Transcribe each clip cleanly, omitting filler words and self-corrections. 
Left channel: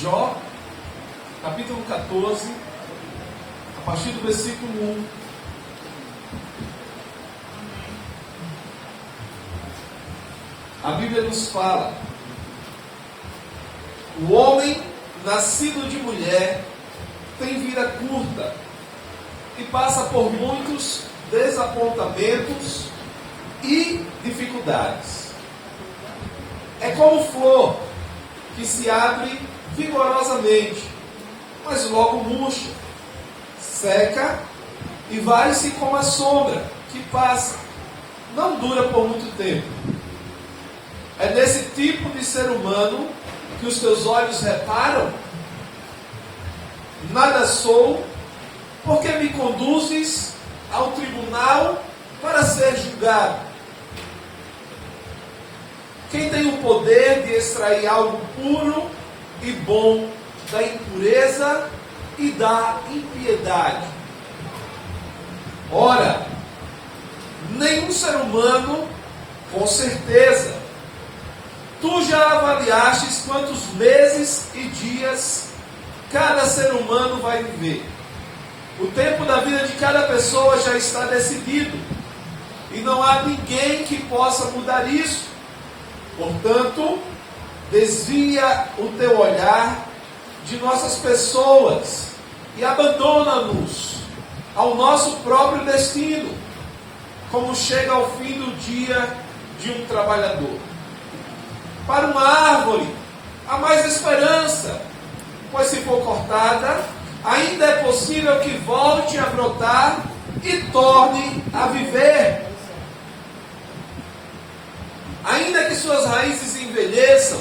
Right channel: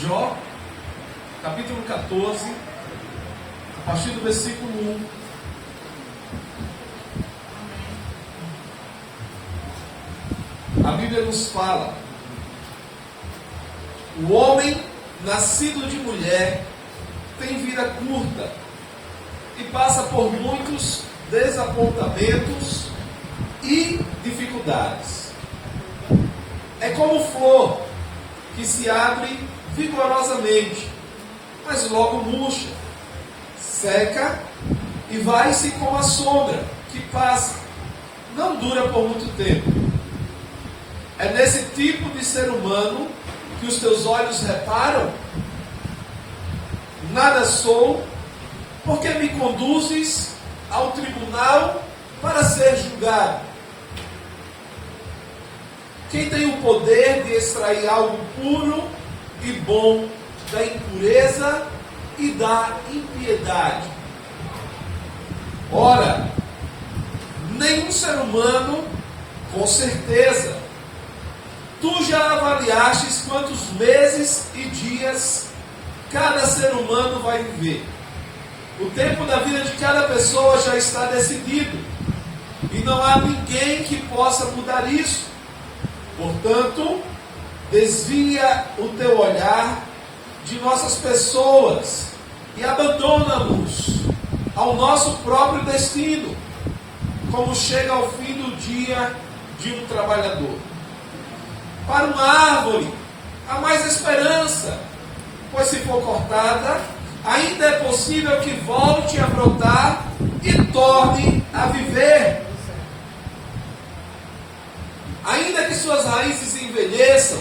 Jó, capítulo 14, a partir do versículo 1. A Bíblia nos fala: o homem nascido de mulher tem vida curta e passa por muitos desapontamentos e dificuldades. É como flor que se abre vigorosamente, mas logo murcha, seca e vai-se como a sombra que passa, não dura por muito tempo. É nesse tipo de ser humano que os teus olhos reparam? Nada sou, porque me conduzes ao tribunal para ser julgado. Quem tem o poder de extrair algo puro e bom da impureza e da impiedade? Ora, nenhum ser humano, com certeza. Tu já avaliastes quantos meses e dias cada ser humano vai viver. O tempo da vida de cada pessoa já está decidido, e não há ninguém que possa mudar isso. Portanto, desvia o teu olhar de nossas pessoas e abandona-nos ao nosso próprio destino, como chega ao fim do dia de um trabalhador. Para uma árvore há mais esperança, pois se for cortada, ainda é possível que volte a brotar e torne a viver. Ainda que suas raízes envelheçam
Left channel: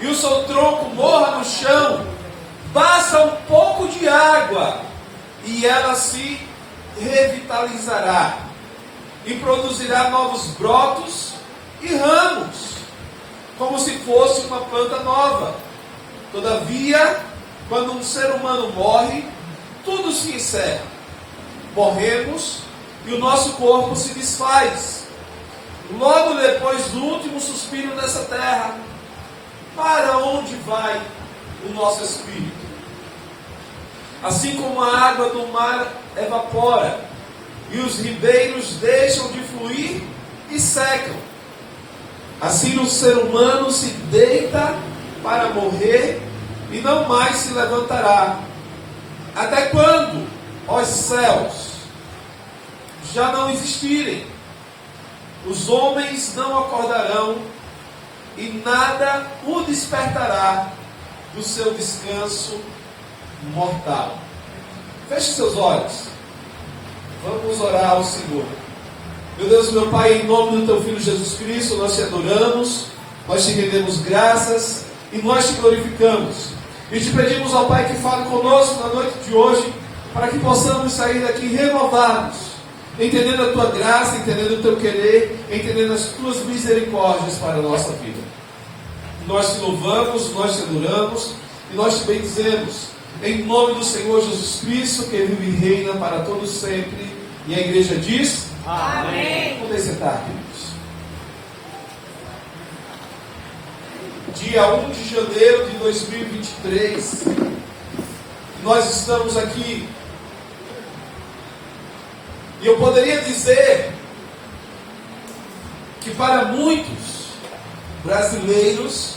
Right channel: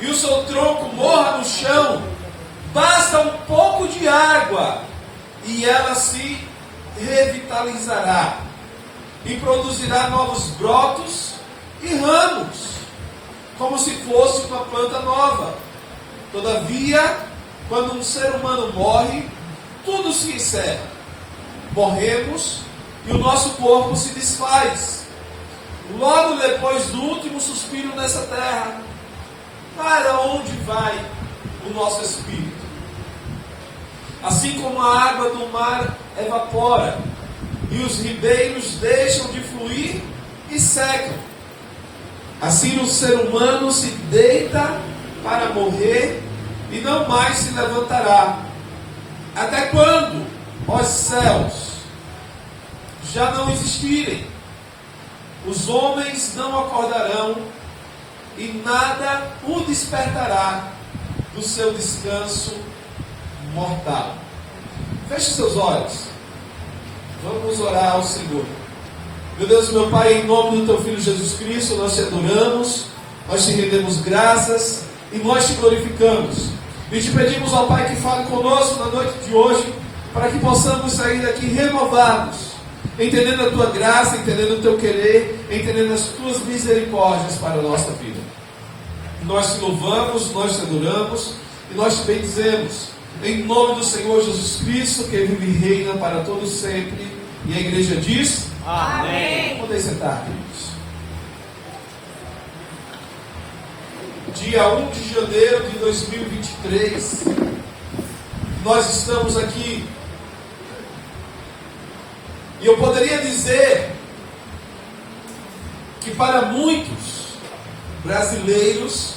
e o seu tronco morra no chão, basta um pouco de água e ela se revitalizará e produzirá novos brotos e ramos, como se fosse uma planta nova. Todavia, quando um ser humano morre, tudo se encerra. Morremos e o nosso corpo se desfaz. Logo depois do último suspiro nessa terra, para onde vai o nosso espírito? Assim como a água do mar evapora e os ribeiros deixam de fluir e secam, assim o ser humano se deita para morrer e não mais se levantará. Até quando, ó céus, já não existirem? Os homens não acordarão e nada o despertará do seu descanso mortal. Feche seus olhos. Vamos orar ao Senhor. Meu Deus, meu Pai, em nome do Teu Filho Jesus Cristo, nós Te adoramos, nós Te rendemos graças e nós Te glorificamos. E Te pedimos, ó Pai, que fale conosco na noite de hoje, para que possamos sair daqui renovados, entendendo a Tua graça, entendendo o Teu querer, entendendo as Tuas misericórdias para a nossa vida. Nós Te louvamos, nós Te adoramos e nós Te bendizemos. Em nome do Senhor Jesus Cristo, que vive e reina para todos sempre. E a igreja diz: amém. Podem sentar, queridos. Dia 1 de janeiro de 2023, nós estamos aqui. E eu poderia dizer que para muitos brasileiros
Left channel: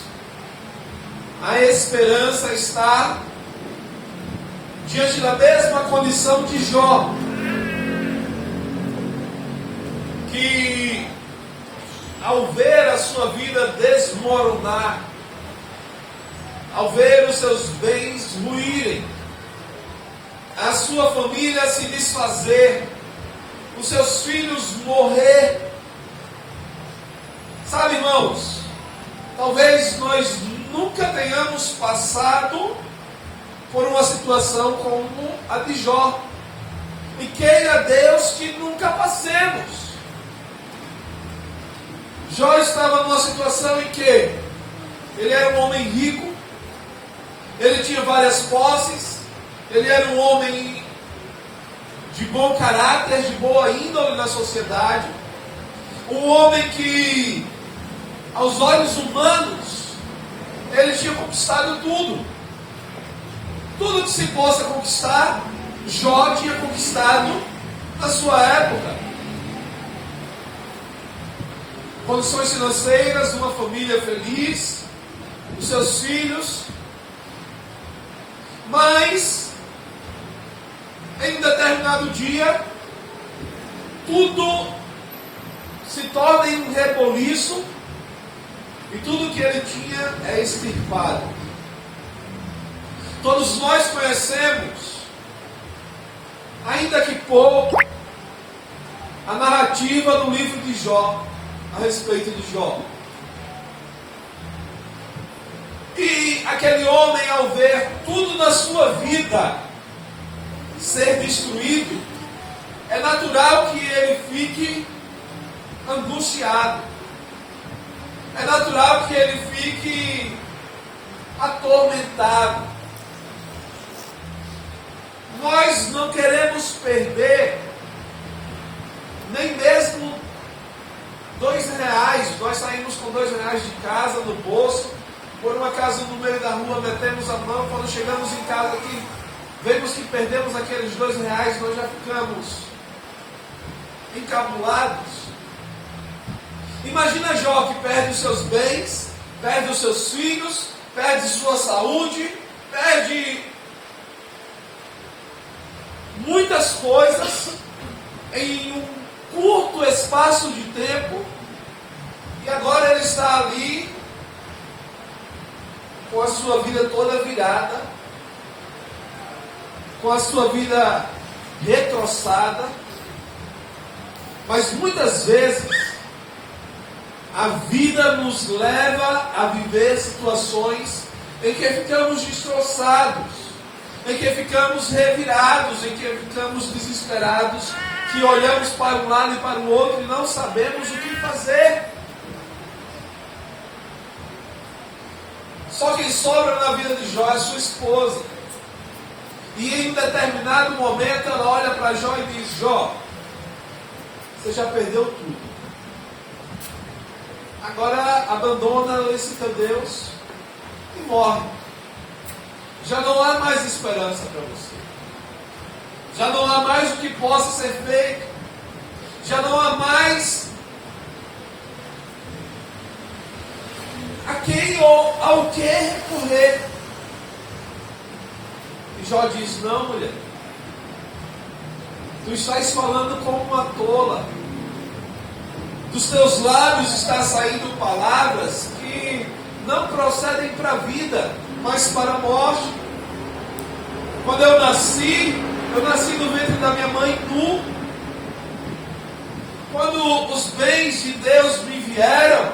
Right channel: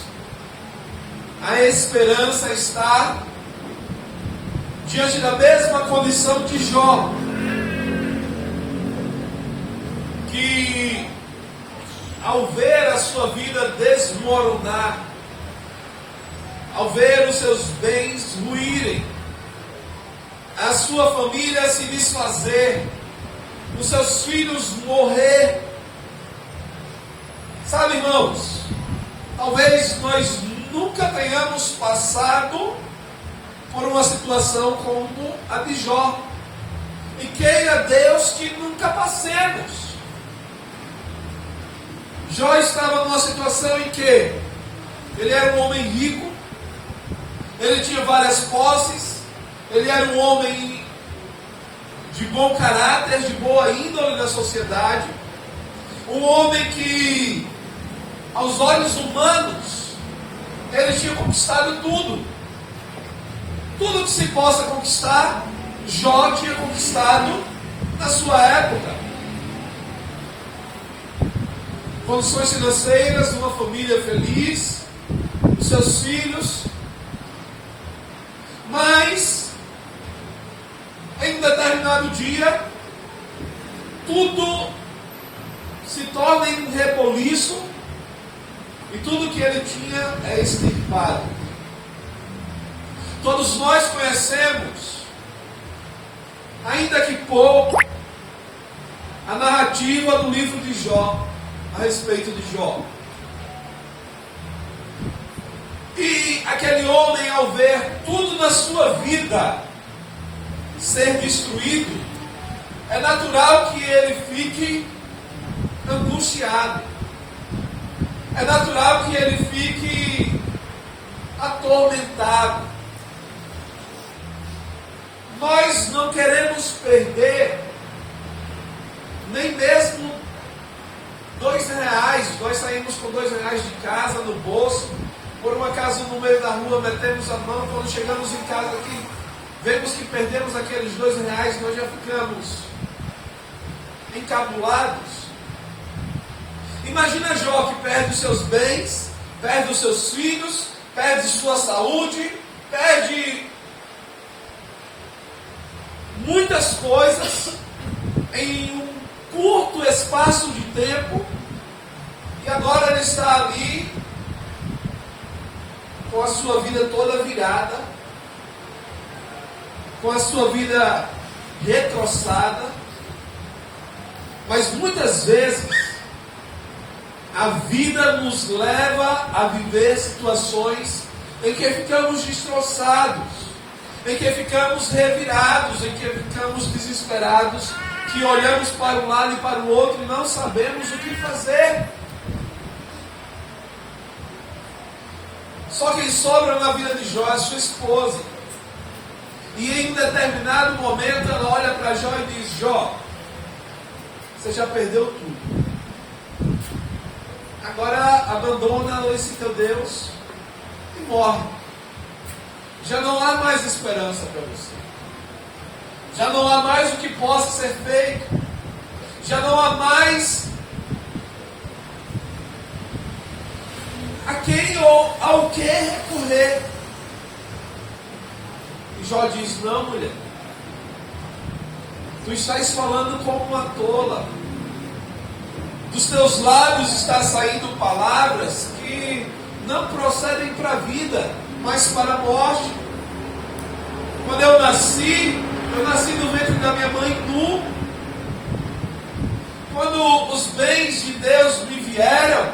a esperança está diante da mesma condição de Jó, que ao ver a sua vida desmoronar, ao ver os seus bens ruírem, a sua família se desfazer, os seus filhos morrer. Sabe, irmãos, talvez nós nunca tenhamos passado por uma situação como a de Jó, e queira Deus que nunca passemos. Jó estava numa situação em que ele era um homem rico, ele tinha várias posses, ele era um homem de bom caráter, de boa índole na sociedade, um homem que, aos olhos humanos, ele tinha conquistado tudo. Tudo que se possa conquistar, Jó tinha conquistado na sua época. Condições financeiras, uma família feliz, os seus filhos. Mas, em um determinado dia, tudo se torna em um reboliço e tudo que ele tinha é extirpado. Todos nós conhecemos, ainda que pouco, a narrativa do livro de Jó, a respeito de Jó. E aquele homem, ao ver tudo na sua vida ser destruído, é natural que ele fique angustiado. É natural que ele fique atormentado. Nós não queremos perder nem mesmo R$2. Nós saímos com R$2 de casa no bolso, por uma casa no meio da rua, metemos a mão, quando chegamos em casa aqui, vemos que perdemos aqueles R$2, nós já ficamos encabulados. Imagina Jó, que perde os seus bens, perde os seus filhos, perde sua saúde, perde muitas coisas em um curto espaço de tempo, e agora ele está ali com a sua vida toda virada, com a sua vida retroçada. Mas muitas vezes a vida nos leva a viver situações em que ficamos destroçados, em que ficamos revirados, em que ficamos desesperados, que olhamos para um lado e para o outro e não sabemos o que fazer. Só quem sobra na vida de Jó é sua esposa. E em um determinado momento ela olha para Jó e diz: Jó, você já perdeu tudo. Agora abandona esse teu Deus e morre. Já não há mais esperança para você. Já não há mais o que possa ser feito. Já não há mais a quem ou ao que recorrer. E Jó diz: não, mulher, tu estás falando como uma tola. Dos teus lábios está saindo palavras que não procedem para a vida, mas para a morte. Quando eu nasci no ventre da minha mãe nu. Quando os bens de Deus me vieram,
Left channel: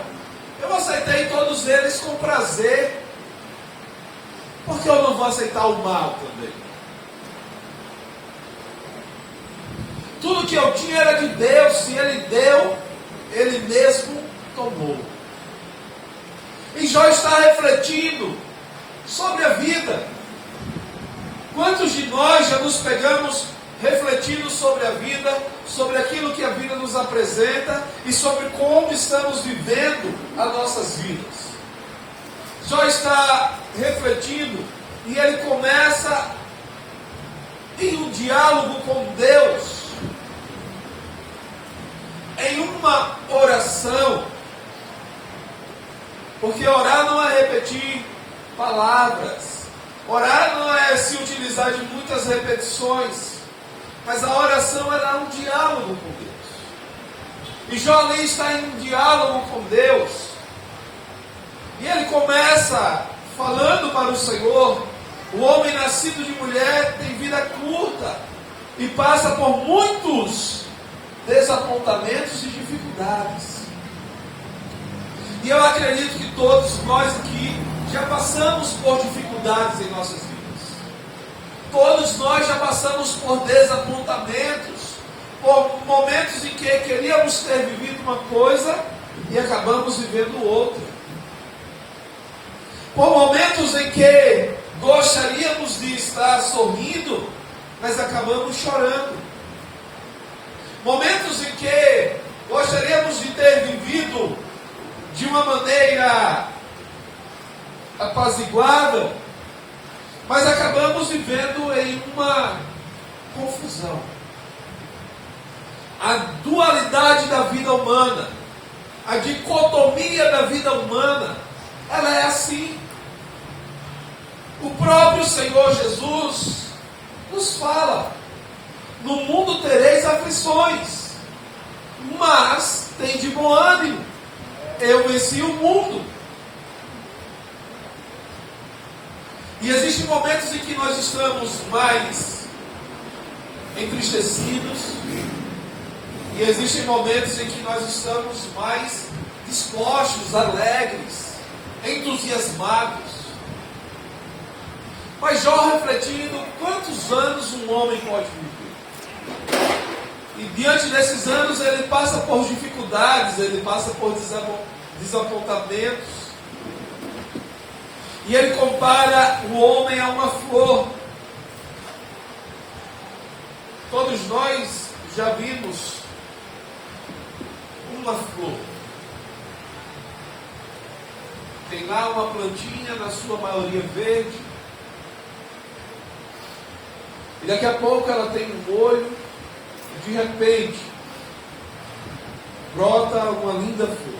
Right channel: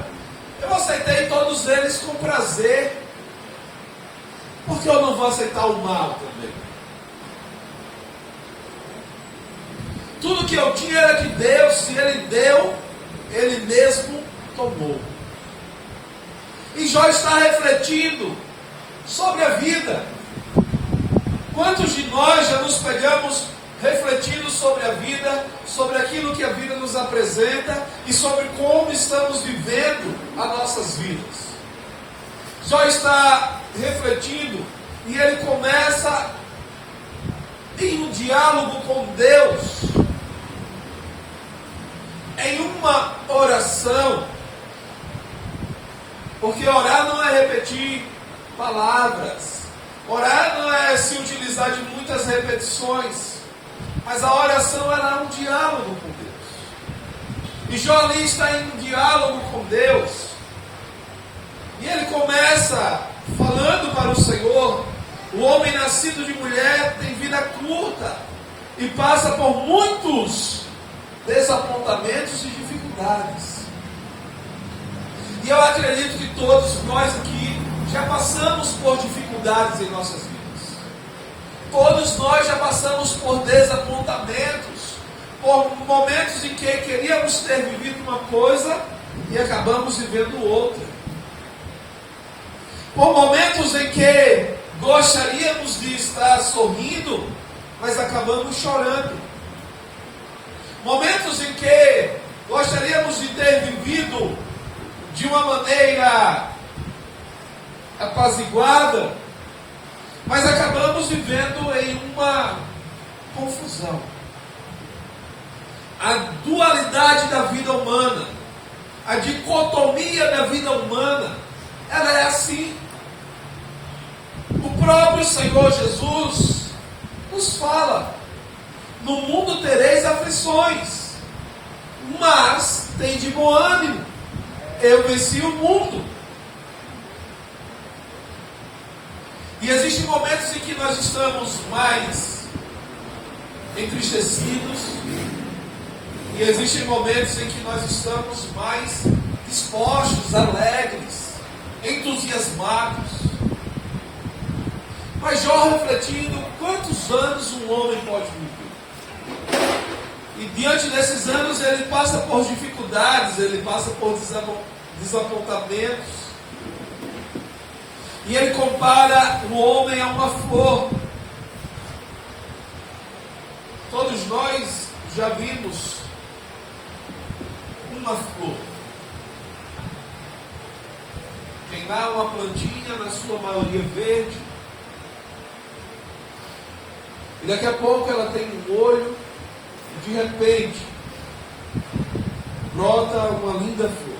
eu aceitei todos eles com prazer. Por que eu não vou aceitar o mal também? Tudo que eu tinha era de Deus. Se Ele deu, Ele mesmo tomou. E Jó está refletindo sobre a vida. Quantos de nós já nos pegamos refletindo sobre a vida, sobre aquilo que a vida nos apresenta e sobre como estamos vivendo as nossas vidas? Jó está refletindo e ele começa em um diálogo com Deus, em uma oração, porque orar não é repetir palavras, orar não é se utilizar de muitas repetições, mas a oração era um diálogo com Deus. E Jó ali está em um diálogo com Deus, e ele começa falando para o Senhor: o homem nascido de mulher tem vida curta e passa por muitos desapontamentos e dificuldades. E eu acredito que todos nós aqui já passamos por dificuldades em nossas vidas. Todos nós já passamos por desapontamentos, por momentos em que queríamos ter vivido uma coisa e acabamos vivendo outra. Por momentos em que gostaríamos de estar sorrindo, mas acabamos chorando. Momentos em que gostaríamos de ter vivido de uma maneira apaziguada, Mas acabamos vivendo em uma confusão. A dualidade da vida humana, a dicotomia da vida humana, ela é assim. O próprio Senhor Jesus nos fala: no mundo tereis aflições, mas tem de bom ânimo, eu venci o mundo. E existem momentos em que nós estamos mais entristecidos, e existem momentos em que nós estamos mais dispostos, alegres, entusiasmados. Mas Jó, refletindo, quantos anos um homem pode viver? E diante desses anos ele passa por dificuldades, ele passa por desapontamentos. E ele compara o homem a uma flor. Todos nós já vimos uma flor. Tem lá uma plantinha, na sua maioria verde. E daqui a pouco ela tem um olho. E de repente brota uma linda flor.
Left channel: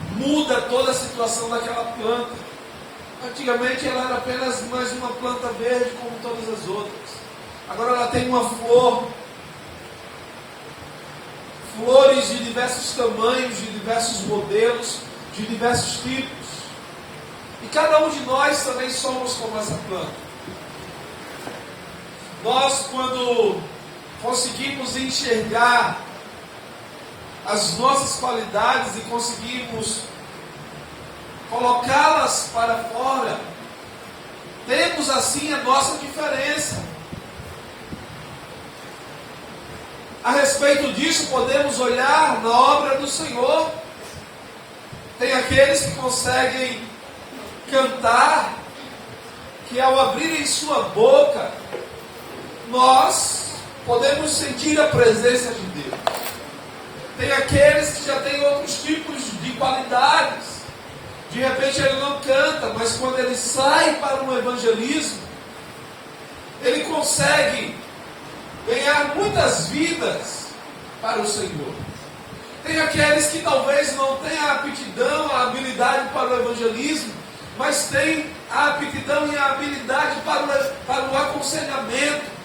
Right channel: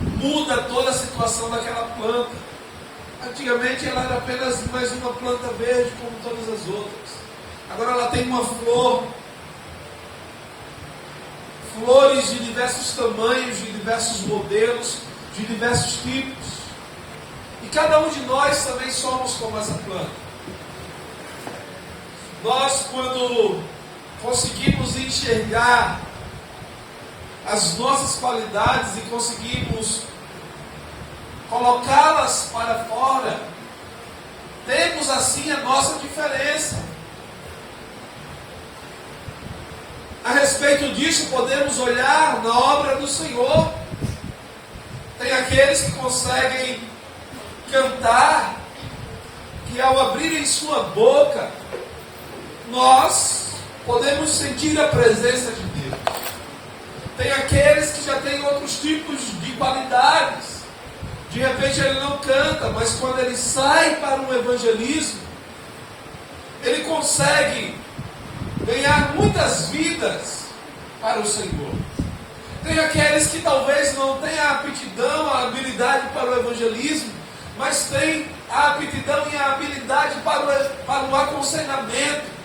Muda toda a situação daquela planta. Antigamente ela era apenas mais uma planta verde como todas as outras. Agora ela tem uma flor. Flores de diversos tamanhos, de diversos modelos, de diversos tipos. E cada um de nós também somos como essa planta. Nós, quando conseguimos enxergar as nossas qualidades e conseguimos colocá-las para fora, temos assim a nossa diferença. A respeito disso, podemos olhar na obra do Senhor. Tem aqueles que conseguem cantar, que ao abrirem sua boca, nós podemos sentir a presença de Deus. Tem aqueles que já têm outros tipos de qualidades. De repente ele não canta, mas quando ele sai para um evangelismo, ele consegue ganhar muitas vidas para o Senhor. Tem aqueles que talvez não tenham a aptidão, a habilidade para o evangelismo, mas tem a aptidão e a habilidade para o aconselhamento.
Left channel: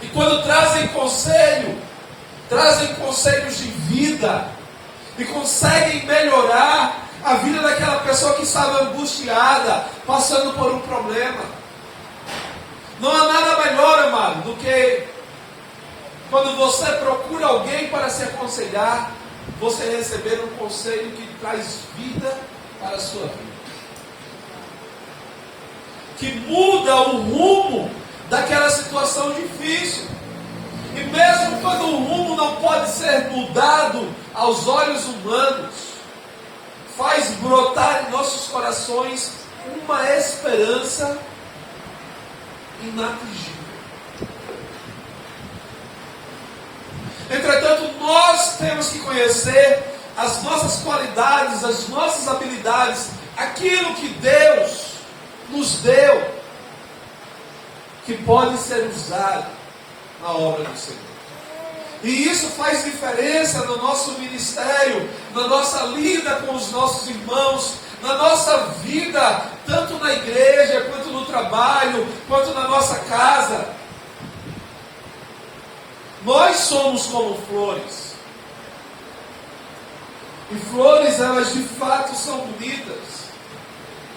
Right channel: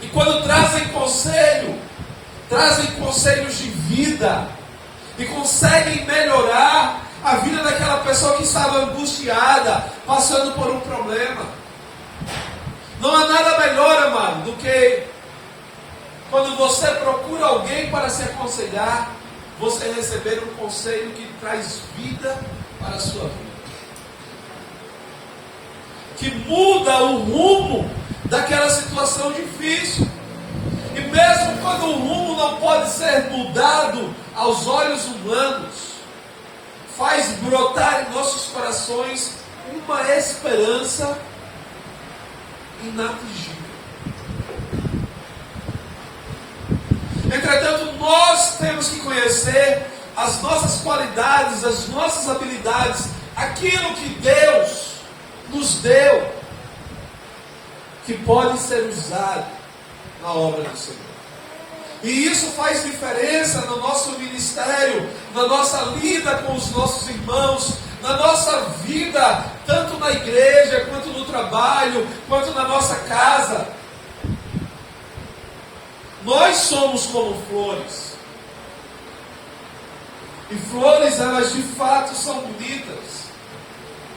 E quando trazem conselhos de vida e conseguem melhorar a vida daquela pessoa que estava angustiada, passando por um problema. Não há nada melhor, amado, do que quando você procura alguém para se aconselhar, você receber um conselho que traz vida para a sua vida, que muda o rumo daquela situação difícil. E mesmo quando o rumo não pode ser mudado aos olhos humanos, faz brotar em nossos corações uma esperança inatingível. Entretanto, nós temos que conhecer as nossas qualidades, as nossas habilidades, aquilo que Deus nos deu, que pode ser usado na obra do Senhor. E isso faz diferença no nosso ministério, na nossa lida com os nossos irmãos, na nossa vida, tanto na igreja, quanto no trabalho, quanto na nossa casa. Nós somos como flores. E flores, elas de fato são bonitas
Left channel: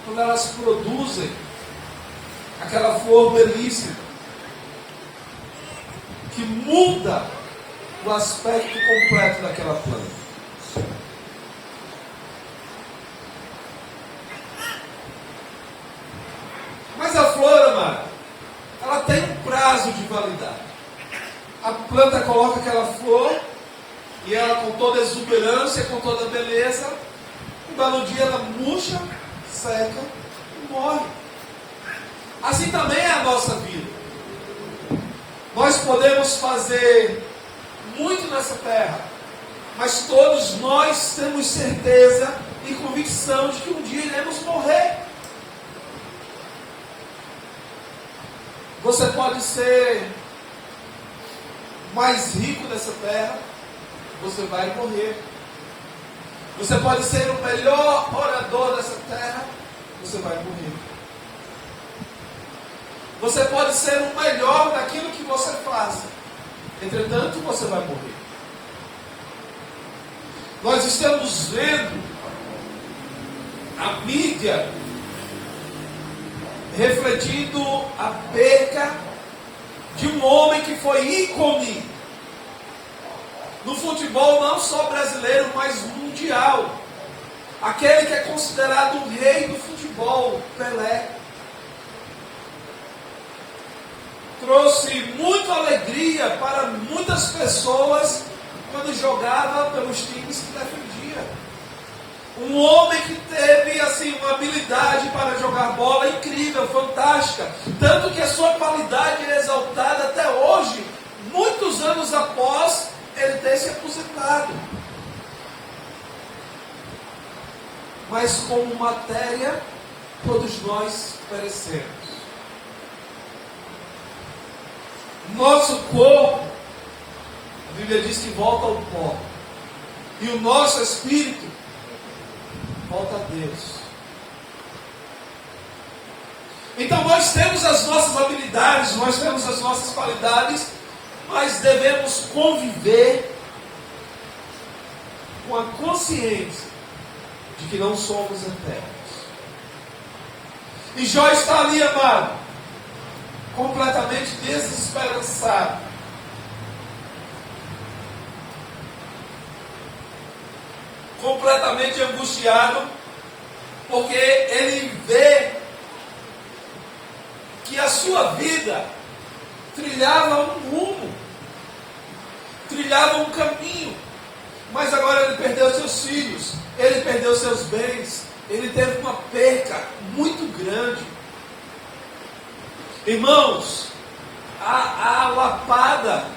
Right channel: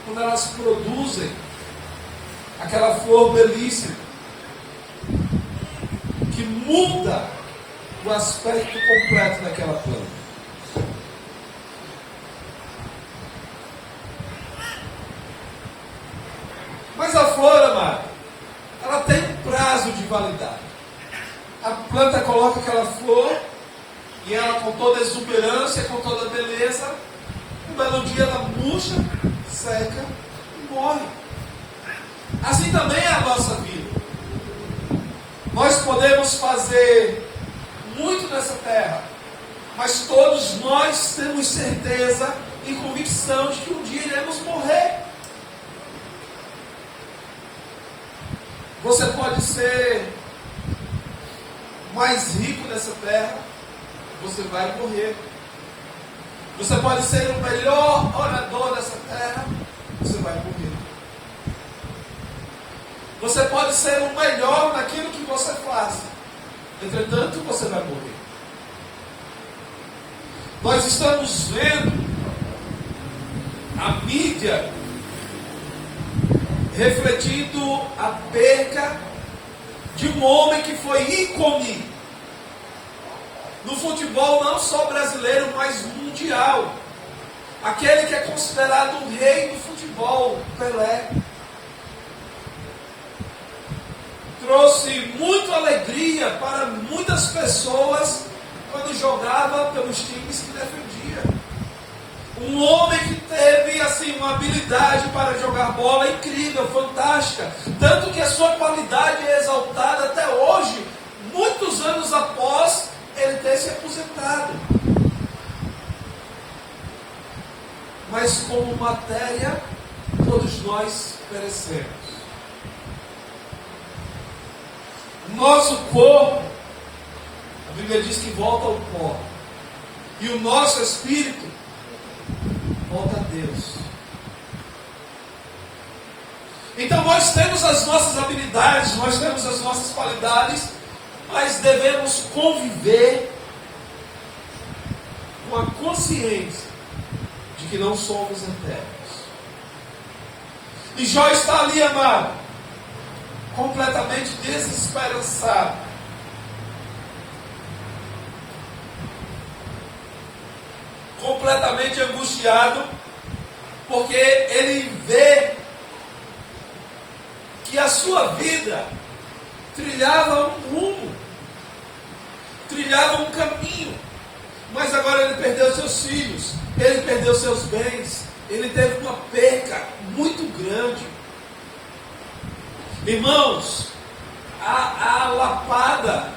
quando elas produzem aquela flor belíssima que muda o aspecto completo daquela planta. Mas a flor, amado, ela tem um prazo de validade. A planta coloca aquela flor e ela, com toda a exuberância, com toda a beleza, um belo dia ela murcha, seca e morre. Assim também é a nossa vida. Nós podemos fazer muito nessa terra, mas todos nós temos certeza e convicção de que um dia iremos morrer. Você pode ser mais rico dessa terra, você vai morrer. Você pode ser o melhor orador dessa terra, você vai morrer. Você pode ser o melhor naquilo que você faz, entretanto você vai morrer. Nós estamos vendo a mídia refletindo a perca de um homem que foi ícone no futebol não só brasileiro, mas mundial. Aquele que é considerado o rei do futebol, Pelé. Trouxe muita alegria para muitas pessoas quando jogava pelos times que defendia. Um homem que teve assim uma habilidade para jogar bola incrível, fantástica. Tanto que a sua qualidade é exaltada até hoje, muitos anos após ele ter se aposentado. Mas como matéria, todos nós perecemos. Nosso corpo, a Bíblia diz que volta ao pó. E o nosso espírito volta a Deus. Então nós temos as nossas habilidades, nós temos as nossas qualidades, mas devemos conviver com a consciência de que não somos eternos. E Jó está ali, amado, completamente desesperançado. Completamente angustiado, porque ele vê que a sua vida trilhava um rumo, trilhava um caminho, mas agora ele perdeu seus filhos, ele perdeu seus bens, ele teve uma perca muito grande. Irmãos, a lapada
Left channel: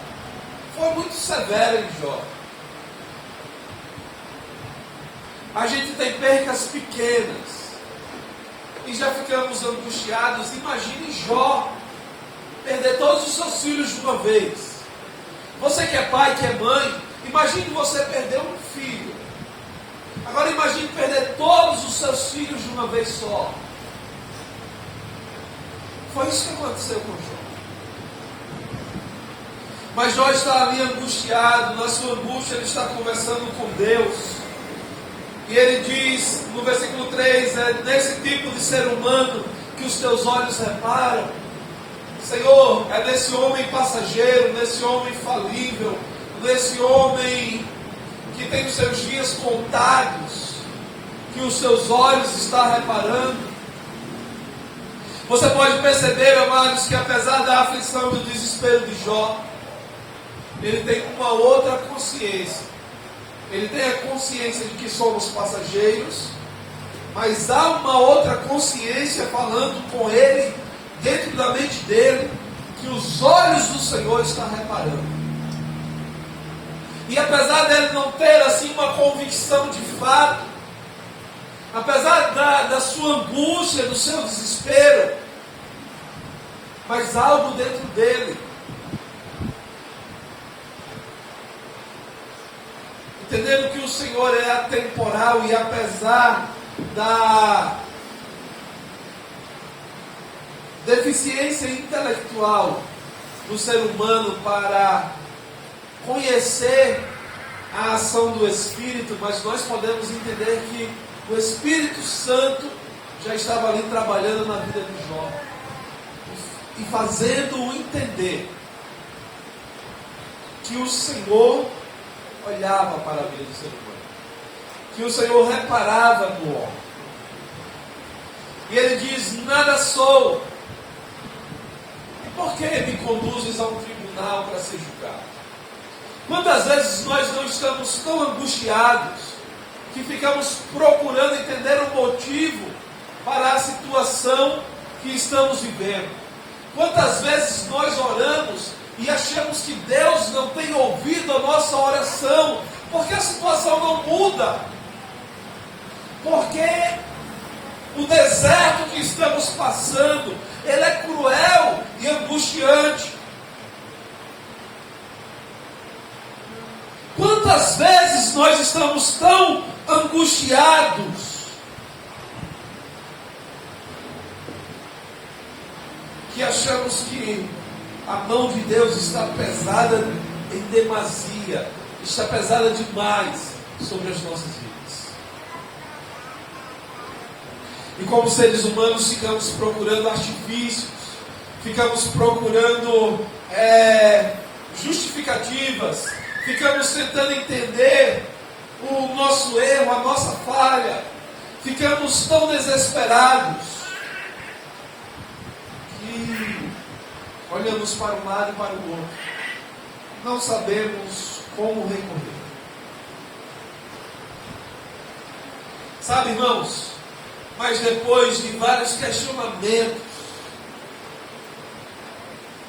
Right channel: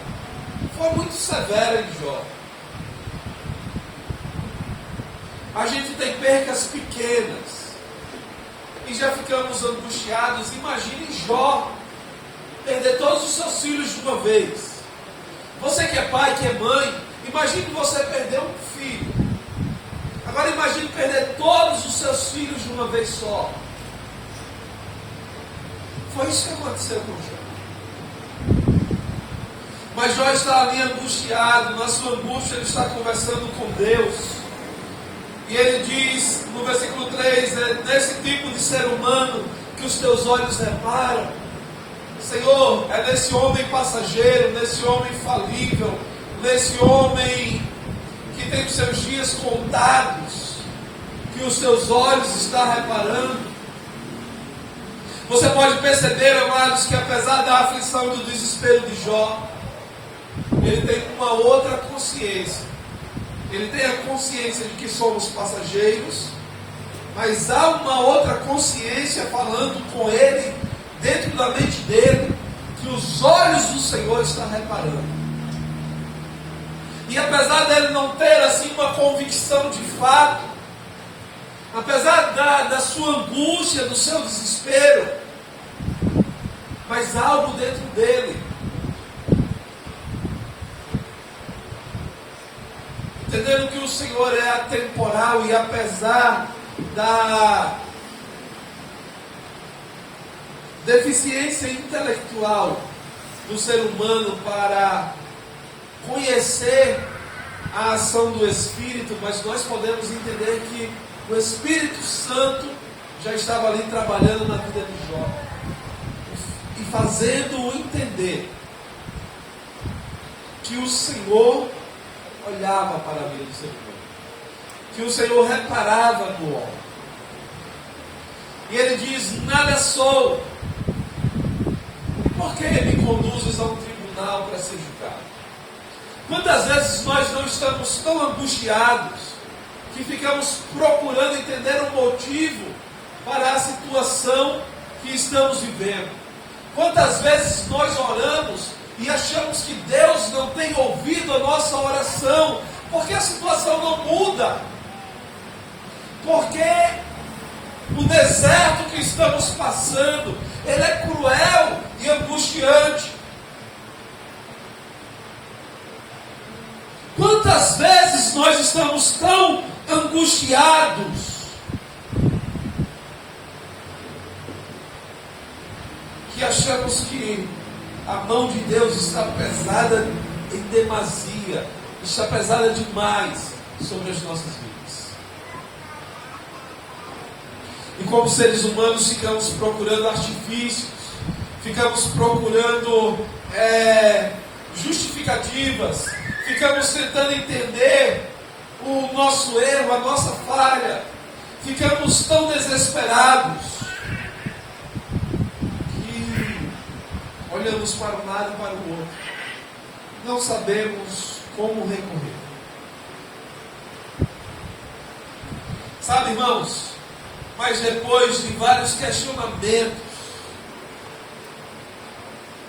foi muito severa em Jó. A gente tem percas pequenas e já ficamos angustiados. Imagine Jó perder todos os seus filhos de uma vez. Você que é pai, que é mãe, imagine você perder um filho. Agora imagine perder todos os seus filhos de uma vez só. Foi isso que aconteceu com Jó. Mas Jó está ali angustiado. Na sua angústia ele está conversando com Deus. E ele diz no versículo 3, é nesse tipo de ser humano que os teus olhos reparam. Senhor, é nesse homem passageiro, nesse homem falível, nesse homem que tem os seus dias contados, que os seus olhos estão reparando. Você pode perceber, amados, que apesar da aflição e do desespero de Jó, ele tem uma outra consciência. Ele tem a consciência de que somos passageiros, mas há uma outra consciência falando com ele, dentro da mente dele, que os olhos do Senhor estão reparando. E apesar dele não ter assim uma convicção de fato, apesar da sua angústia, do seu desespero, mas algo dentro dele, entendendo que o Senhor é atemporal e apesar da deficiência intelectual do ser humano para conhecer a ação do Espírito, mas nós podemos entender que o Espírito Santo já estava ali trabalhando na vida de Jó e fazendo-o entender que o Senhor olhava para a vida do ser humano, que o Senhor reparava no homem. E ele diz: nada sou, por que me conduzes a um tribunal para ser julgado? Quantas vezes nós não estamos tão angustiados que ficamos procurando entender o motivo para a situação que estamos vivendo? Quantas vezes nós oramos e achamos que Deus não tem ouvido a nossa oração, porque a situação não muda, porque o deserto que estamos passando, ele é cruel, e angustiante. Quantas vezes nós estamos tão angustiados que achamos que a mão de Deus está pesada em demasia, está pesada demais sobre as nossas vidas. E como seres humanos ficamos procurando artifícios, ficamos procurando justificativas, ficamos tentando entender o nosso erro, a nossa falha, ficamos tão desesperados que olhamos para um lado e para o outro, não sabemos como recorrer. Sabe, irmãos, mas depois de vários questionamentos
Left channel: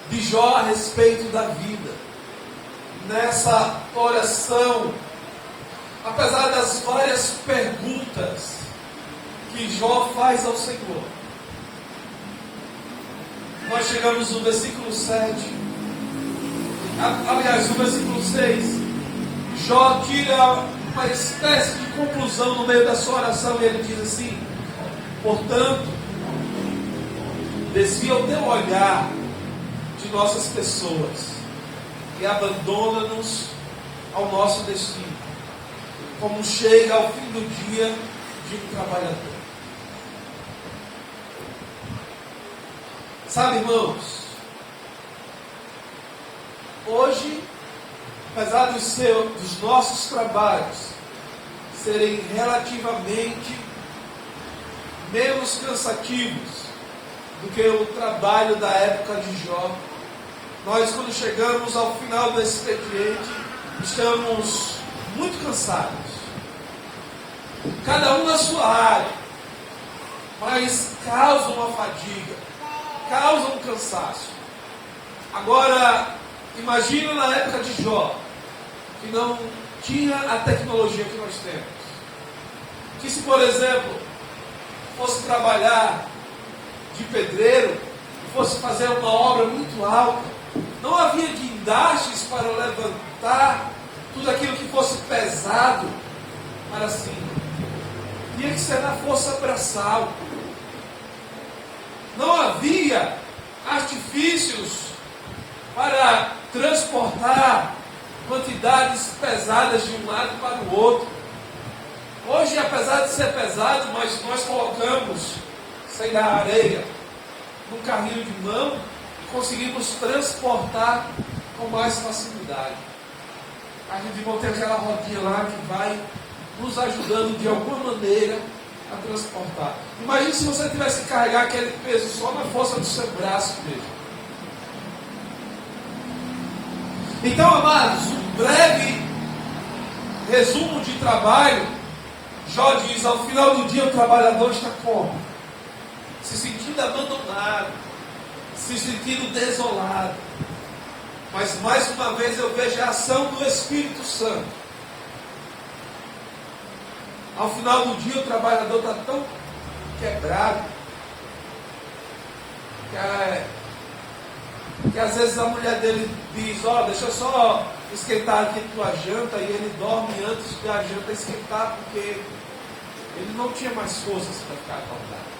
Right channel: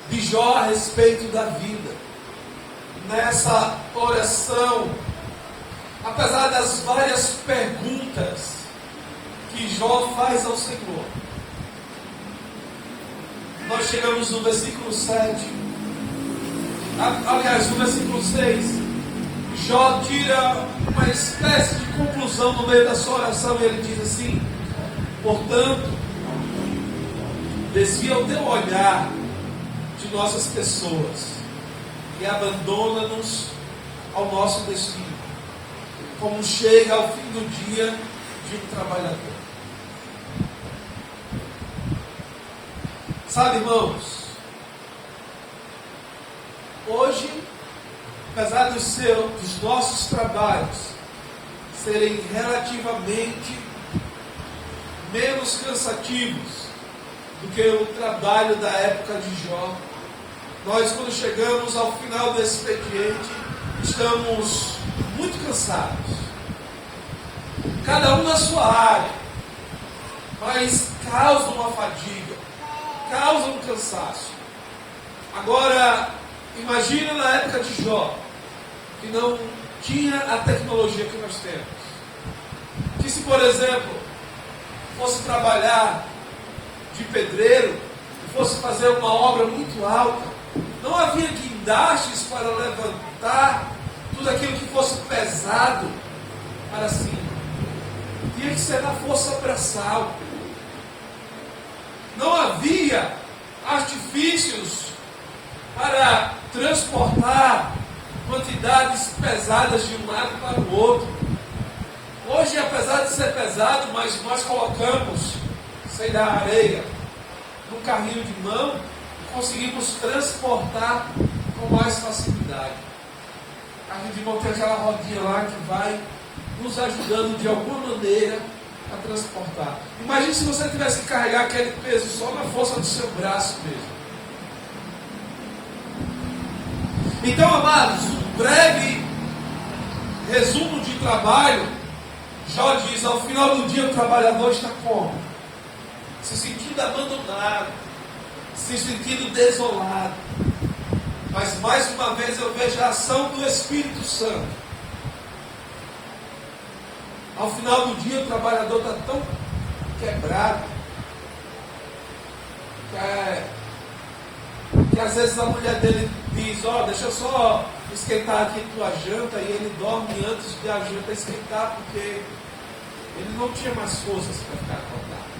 de Jó a respeito da vida, nessa oração, apesar das várias perguntas que Jó faz ao Senhor, nós chegamos no versículo 7, aliás, no versículo 6, Jó tira uma espécie de conclusão no meio da sua oração, e ele diz assim: portanto, desvia o teu olhar de nossas pessoas e abandona-nos ao nosso destino, como chega ao fim do dia de um trabalhador. Sabe, irmãos, hoje, apesar dos nossos trabalhos serem relativamente menos cansativos do que o trabalho da época de Jó, nós, quando chegamos ao final do expediente, estamos muito cansados, cada um na sua área, mas causa uma fadiga, causa um cansaço. Agora, imagina na época de Jó, que não tinha a tecnologia que nós temos, que se, por exemplo, fosse trabalhar de pedreiro, fosse fazer uma obra muito alta, não havia guindastes para levantar tudo aquilo que fosse pesado para cima. Tinha que ser na força braçal. Não havia artifícios para transportar quantidades pesadas de um lado para o outro. Hoje, apesar de ser pesado, mas nós colocamos, sei lá, areia num carrinho de mão e conseguimos transportar com mais facilidade. A gente vai ter aquela rodinha lá que vai nos ajudando de alguma maneira a transportar. Imagine se você tivesse que carregar aquele peso só na força do seu braço mesmo. Então, amados, um breve resumo de trabalho. Jó diz: ao final do dia o trabalhador está como? Se sentindo abandonado, se sentindo desolado. Mas mais uma vez eu vejo a ação do Espírito Santo. Ao final do dia o trabalhador está tão quebrado que às vezes a mulher dele diz: ó, deixa eu só esquentar aqui tua janta, e ele dorme antes da janta esquentar, porque ele não tinha mais forças para ficar acordado.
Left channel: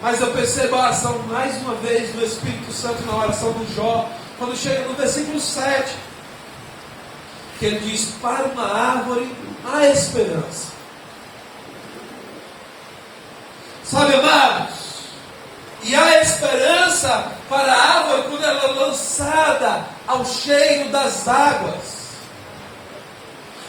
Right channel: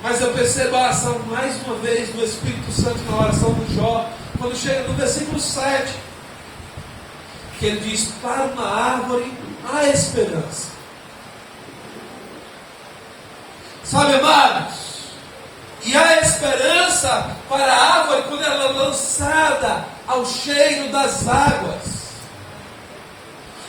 Mas eu percebo a ação mais uma vez do Espírito Santo na oração do Jó, quando chega no versículo 7, que ele diz: para uma árvore há esperança. Sabe, amados, e há esperança para a árvore quando ela é lançada ao cheiro das águas.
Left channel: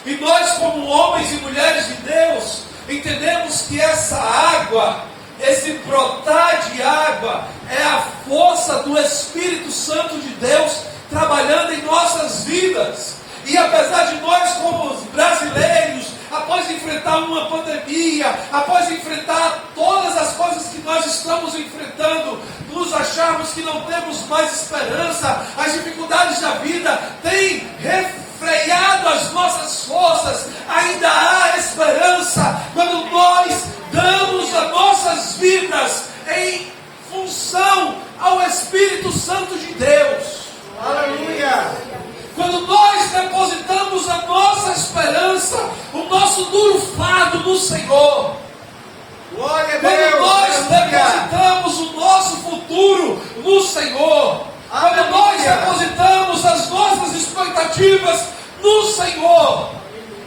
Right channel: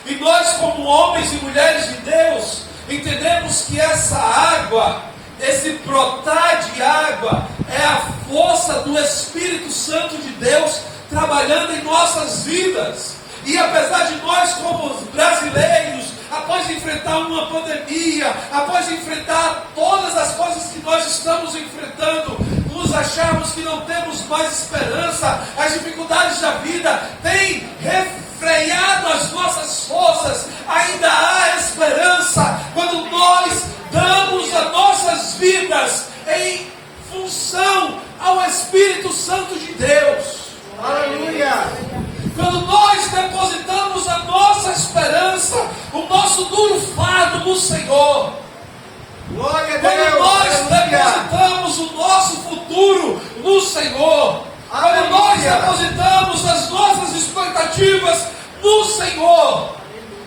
E nós, como homens e mulheres de Deus, entendemos que essa água, esse brotar de água, é a força do Espírito Santo de Deus trabalhando em nossas vidas. E apesar de nós, como brasileiros, após enfrentar uma pandemia, após enfrentar todas as coisas que nós estamos enfrentando, nos acharmos que não temos mais esperança, as dificuldades da vida têm refreado as nossas forças, ainda há esperança quando nós damos as nossas vidas em função ao Espírito Santo de Deus. Aleluia. Quando nós depositamos a nossa esperança, o nosso duro fardo no Senhor. Glória a Quando Deus. nós Aleluia. depositamos o nosso futuro no Senhor. Quando nós Aleluia. depositamos as nossas expectativas no Senhor,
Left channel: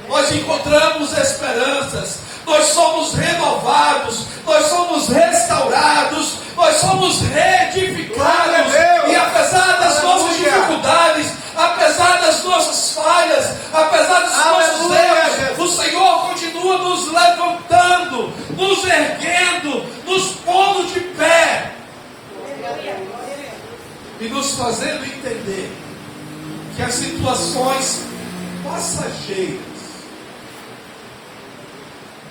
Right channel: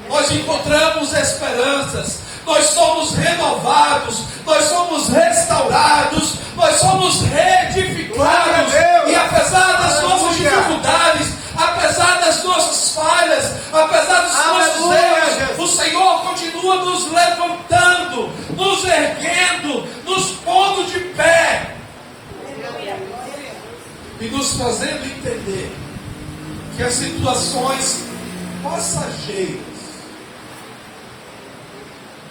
nós encontramos esperanças. Nós somos renovados, nós somos restaurados, nós somos reedificados. Glória a Deus. E apesar das nossas Aleluia. dificuldades, apesar das nossas falhas, apesar dos nossos Aleluia, erros, Jesus. o Senhor continua nos levantando, nos erguendo, nos pondo de pé e nos fazendo entender que as situações passageiras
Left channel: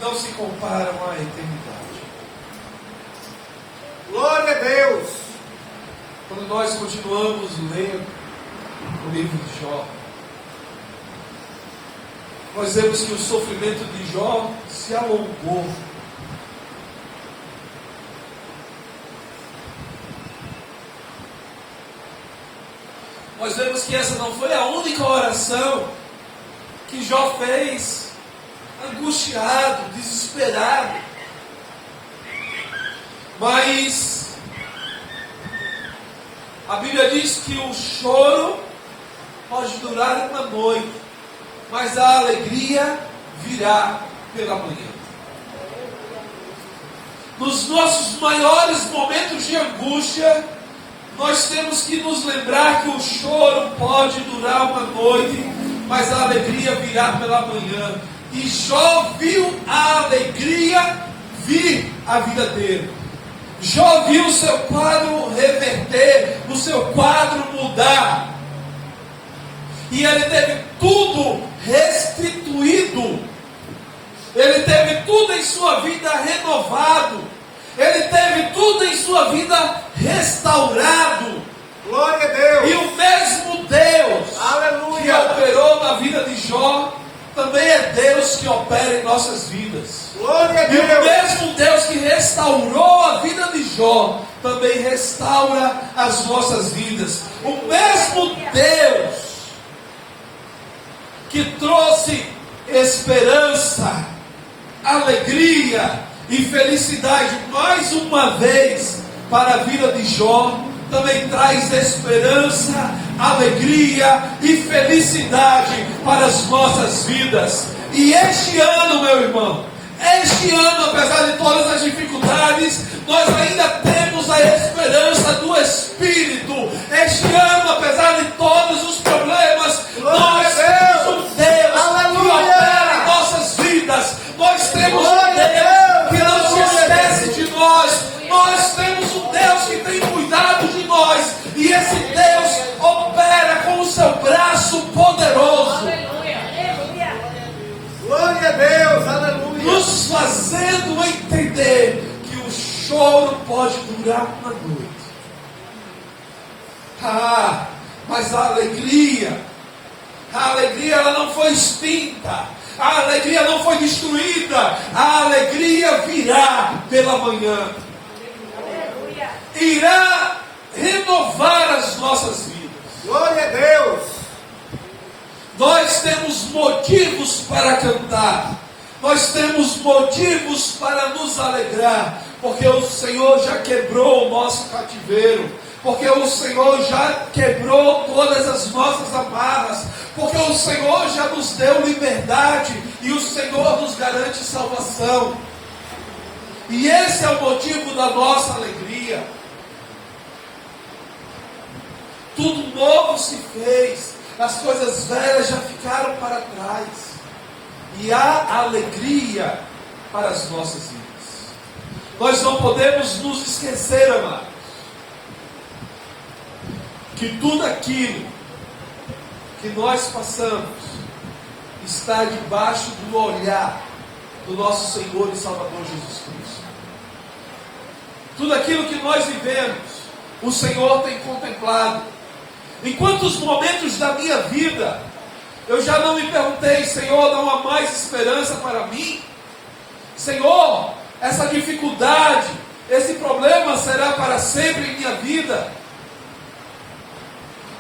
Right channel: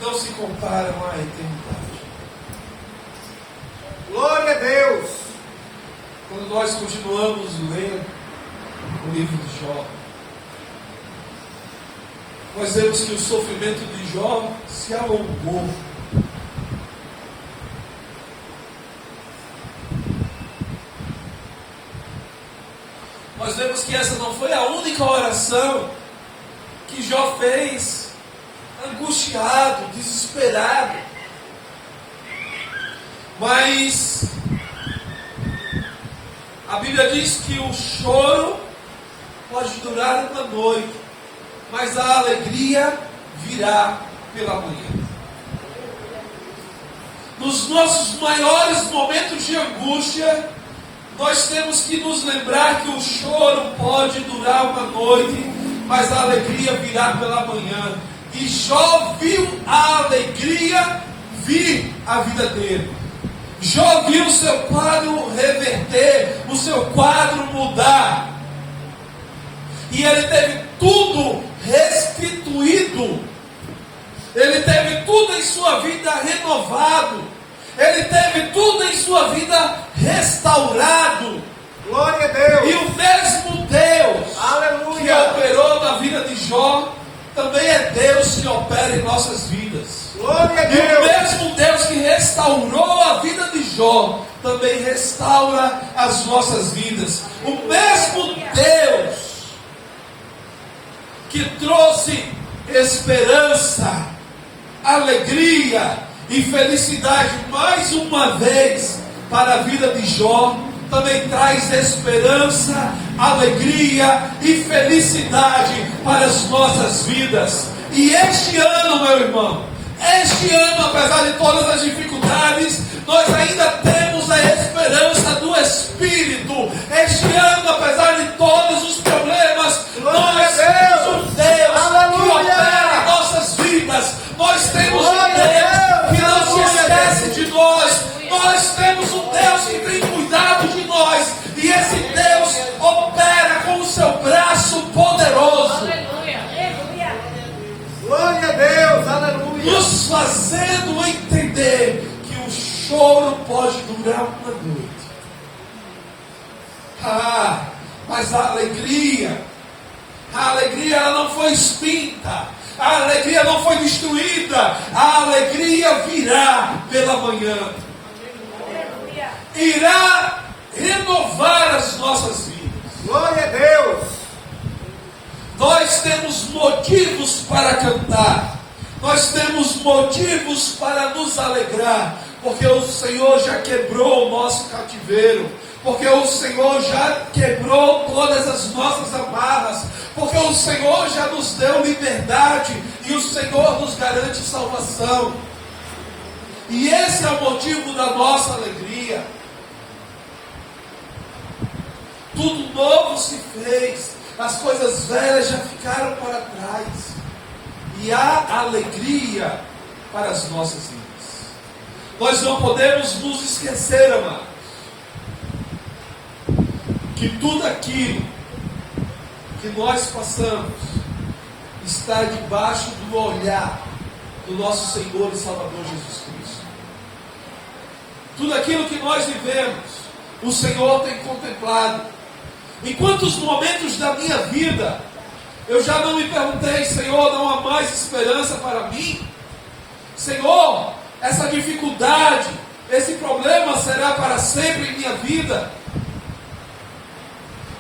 não se comparam à eternidade. Glória a Deus. Quando nós continuamos lendo o livro de Jó, nós vemos que o sofrimento de Jó se alongou. Nós vemos que essa não foi a única oração que Jó fez, angustiado, desesperado. Mas a Bíblia diz que o choro pode durar uma noite, mas a alegria virá pela manhã. Nos nossos maiores momentos de angústia, nós temos que nos lembrar que o choro pode durar uma noite, mas a alegria virá pela manhã. E Jó viu a alegria vir à vida dele. Jó viu o seu quadro reverter, o seu quadro mudar. E ele teve tudo restituído. Ele teve tudo em sua vida renovado. Ele teve tudo em sua vida restaurado. Glória a Deus. E o mesmo Deus que Aleluia. operou na vida de Jó, também é Deus que opera em nossas vidas. Glória a E o Deus. mesmo Deus que restaurou a vida de Jó, também restaura as nossas vidas. O mesmo Deus que trouxe esperança, alegria e felicidade mais uma vez para a vida de Jó, também traz esperança, alegria e felicidade para as nossas vidas. E este ano, meu irmão, este ano, apesar de todas as dificuldades, nós ainda temos a esperança do Espírito. Este ano, apesar de todos os problemas, Glória nós a Deus. temos um Deus Aleluia. que opera em nossas vidas. Nós temos um Glória a Deus que não se Deus. esquece de nós. Nós temos um Deus que tem cuidado de nós. E esse Deus opera com o seu braço poderoso, Glória a Deus. Aleluia. nos fazendo entender que o choro pode durar uma noite. Mas a alegria ela não foi extinta. A alegria não foi destruída. A alegria virá pela manhã. Irá renovar as nossas vidas. Glória a Deus. Nós temos motivos para cantar. Nós temos motivos para nos alegrar. Porque o Senhor já quebrou o nosso cativeiro. Porque o Senhor já quebrou todas as nossas amarras. Porque o Senhor já nos deu liberdade. E o Senhor nos garante salvação. E esse é o motivo da nossa alegria. Tudo novo se fez. As coisas velhas já ficaram para trás. E há alegria para as nossas vidas. Nós não podemos nos esquecer, amados, que tudo aquilo que nós passamos está debaixo do olhar do nosso Senhor e Salvador Jesus Cristo. Tudo aquilo que nós vivemos, o Senhor tem contemplado. Em quantos momentos da minha vida eu já não me perguntei: Senhor, não há mais esperança para mim? Senhor, essa dificuldade, esse problema será para sempre em minha vida.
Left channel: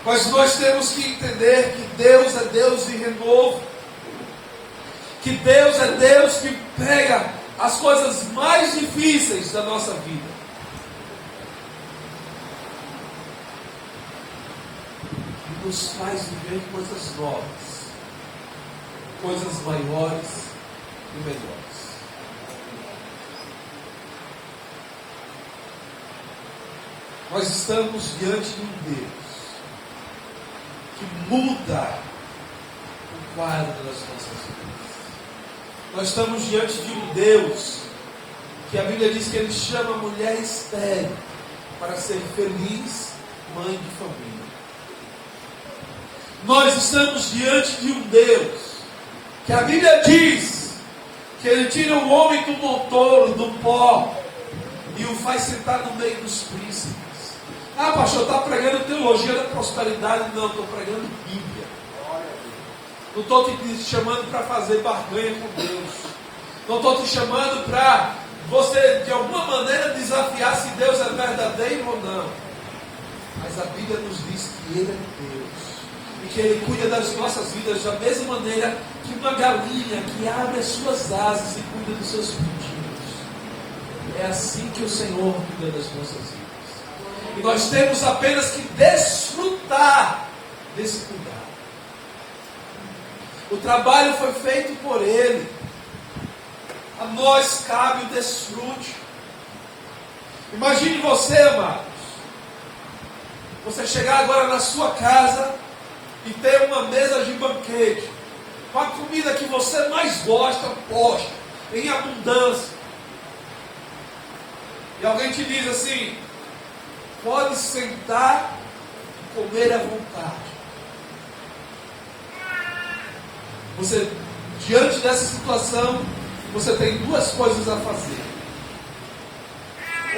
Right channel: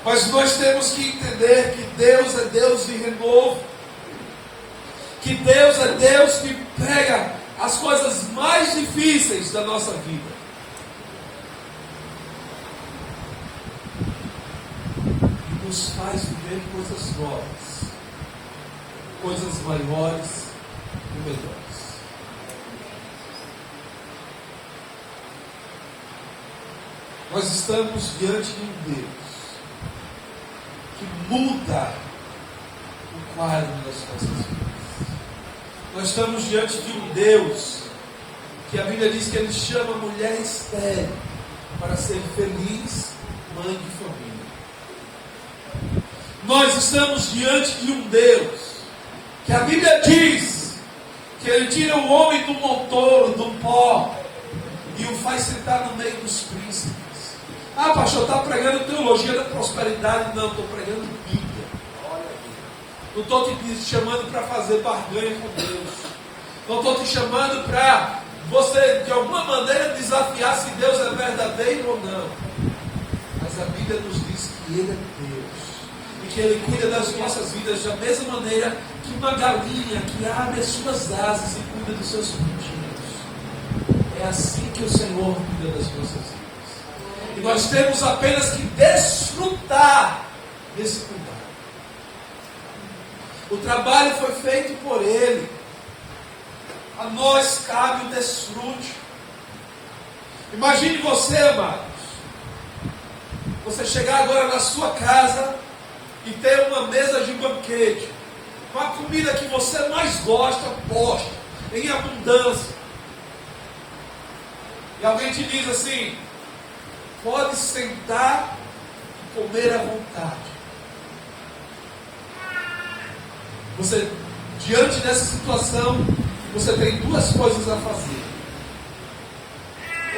Mas nós temos que entender que Deus é Deus de renovo. Que Deus é Deus que pega as coisas mais difíceis da nossa vida e nos faz viver coisas novas, coisas maiores e melhores. Nós estamos diante de um Deus que muda o quadro das nossas vidas. Nós estamos diante de um Deus que a Bíblia diz que Ele chama a mulher estéril para ser feliz mãe de família. Nós estamos diante de um Deus que a Bíblia diz que Ele tira o homem do montoro, do pó, e o faz sentar no meio dos príncipes. Ah, pastor, está pregando teologia da prosperidade? Não, estou pregando Bíblia. Não estou te chamando para fazer barganha com Deus. Não estou te chamando para você, de alguma maneira, desafiar se Deus é verdadeiro ou não. Mas a Bíblia nos diz que Ele é Deus. E que Ele cuida das nossas vidas da mesma maneira que uma galinha que abre as suas asas e cuida dos seus pintinhos. É assim que o Senhor cuida das nossas vidas. E nós temos apenas que desfrutar desse cuidado. O trabalho foi feito por Ele. A nós cabe o desfrute. Imagine você, amados. Você chegar agora na sua casa e ter uma mesa de banquete com a comida que você mais gosta, posta, em abundância. E alguém te diz assim: pode sentar e comer à vontade. Você, diante dessa situação, você tem duas coisas a fazer.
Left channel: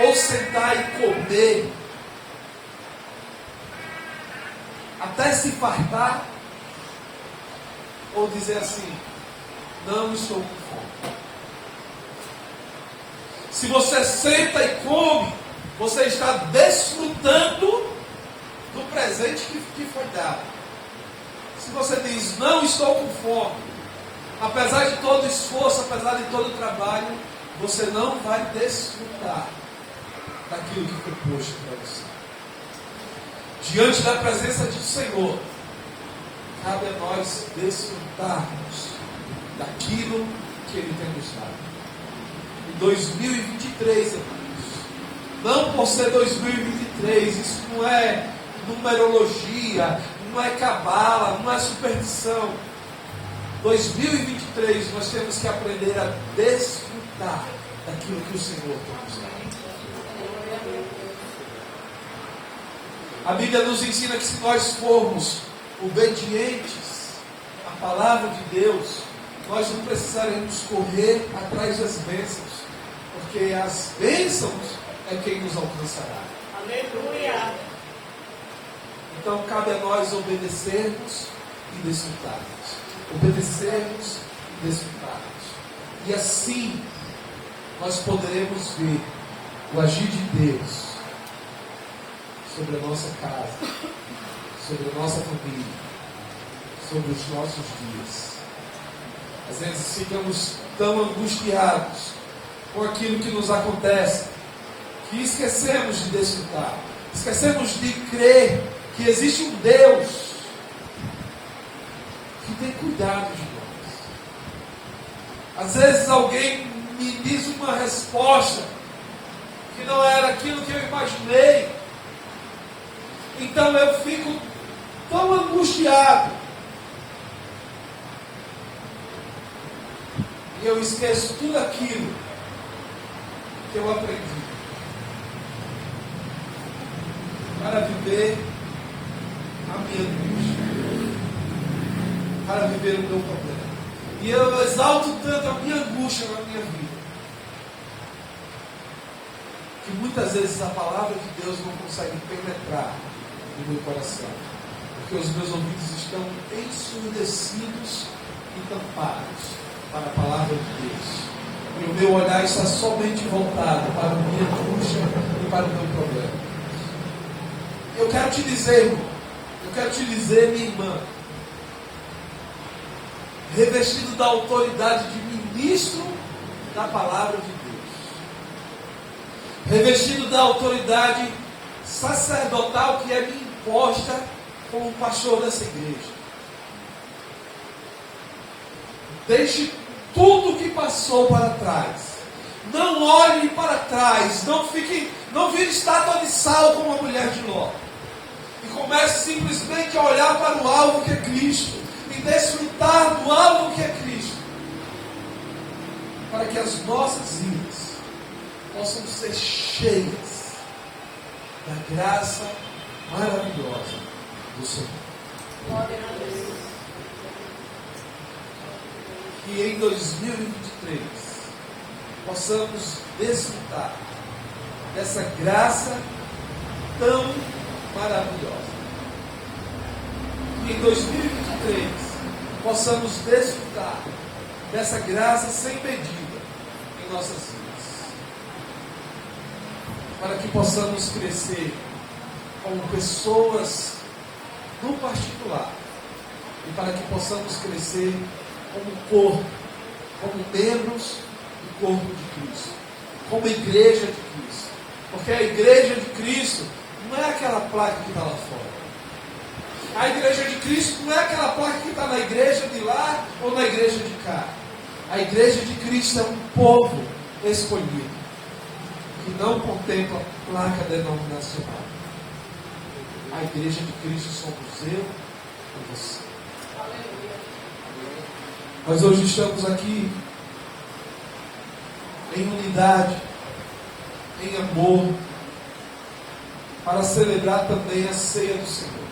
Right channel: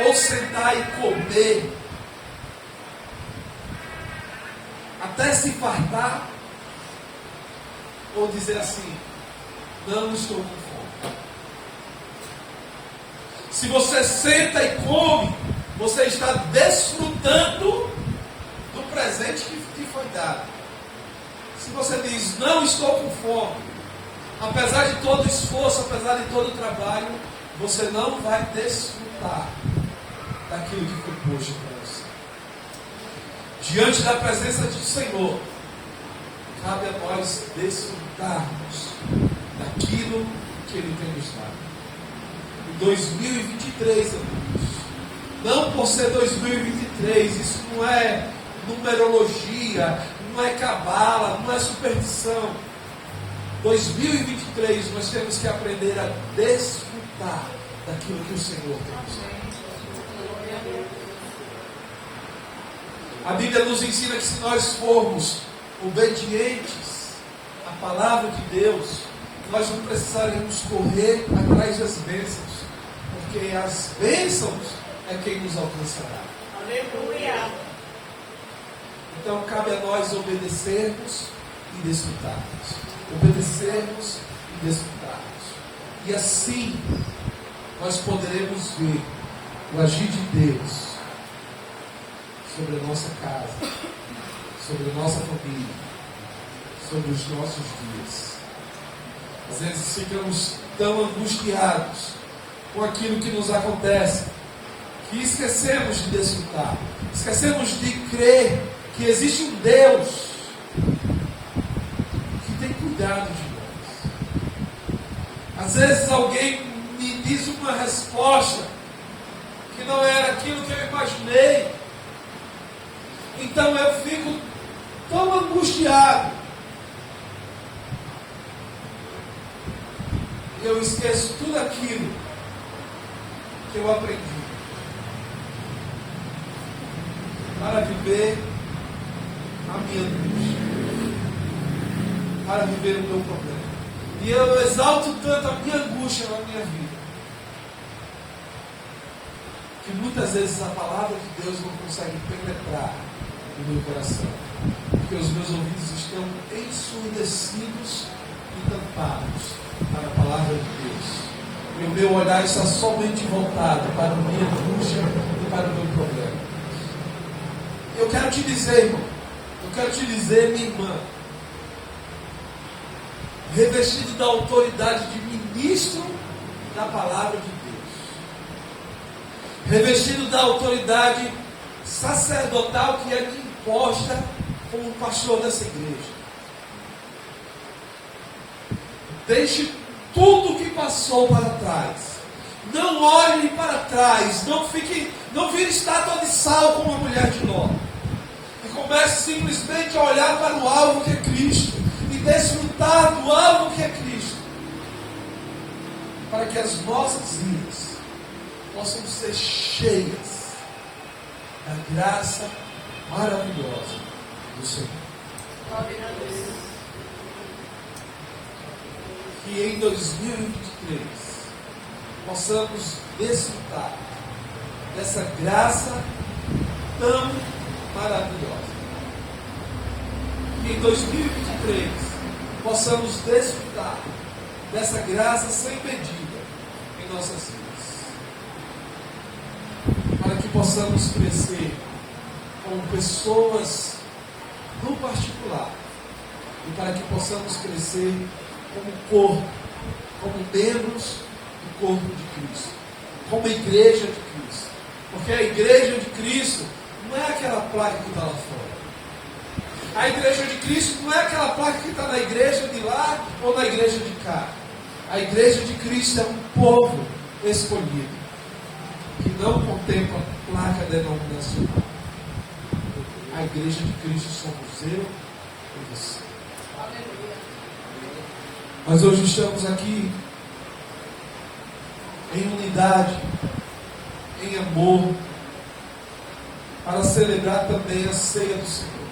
Ou sentar e comer até se fartar, ou dizer assim: não estou com fome. Se você senta e come, você está desfrutando do presente que foi dado. Se você diz: não estou com fome, apesar de todo esforço, apesar de todo trabalho, você não vai desfrutar daquilo que foi posto para você. Diante da presença do Senhor, cabe a nós desfrutarmos daquilo que Ele tem nos dado. Em 2023, amigos, não por ser 2023, isso não é numerologia, não é cabala, não é superstição. 2023 nós temos que aprender a desfrutar daquilo que o Senhor tem nos dado. A Bíblia nos ensina que se nós formos obedientes à palavra de Deus, nós não precisaremos correr atrás das bênçãos, porque as bênçãos é quem nos alcançará. Aleluia! Então cabe a nós obedecermos e desfrutarmos. Obedecermos e desfrutarmos. E assim nós poderemos ver o agir de Deus sobre a nossa casa, sobre a nossa família, sobre os nossos dias. Às vezes ficamos tão angustiados com aquilo que nos acontece, que esquecemos de desfrutar, esquecemos de crer que existe um Deus que tem cuidado de nós. Às vezes alguém me diz uma resposta que não era aquilo que eu imaginei, então eu fico tão angustiado e eu esqueço tudo aquilo que eu aprendi para viver a minha angústia, para viver o meu problema. E eu exalto tanto a minha angústia na minha vida, que muitas vezes a palavra de Deus não consegue penetrar no meu coração, porque os meus ouvidos estão ensurdecidos e tampados para a palavra de Deus. E o meu olhar está somente voltado para a minha angústia e para o meu problema. Eu quero te dizer, irmão, eu quero te dizer, minha irmã, revestido da autoridade de ministro da palavra de Deus, revestido da autoridade sacerdotal que é me imposta como pastor dessa igreja. Deixe tudo que passou para trás. Não olhe para trás. Não vire estátua de sal como a mulher de Ló. E comece simplesmente a olhar para o alvo que é Cristo. E desfrutar do alvo que é Cristo. Para que as nossas vidas possam ser cheias da graça maravilhosa do Senhor. Que em 2023 possamos desfrutar dessa graça tão maravilhosa. Que em 2023 possamos desfrutar dessa graça sem medida em nossas vidas. Para que possamos crescer como pessoas no particular e para que possamos crescer como corpo, como membros do corpo de Cristo, como igreja de Cristo. Porque a igreja de Cristo não é aquela placa que está lá fora. A igreja de Cristo não é aquela placa que está na igreja de lá ou na igreja de cá. A igreja de Cristo é um povo escolhido, que não contempla placa denominacional. A igreja de Cristo somos eu e você. Nós hoje estamos aqui em unidade, em amor, para celebrar também a ceia do Senhor.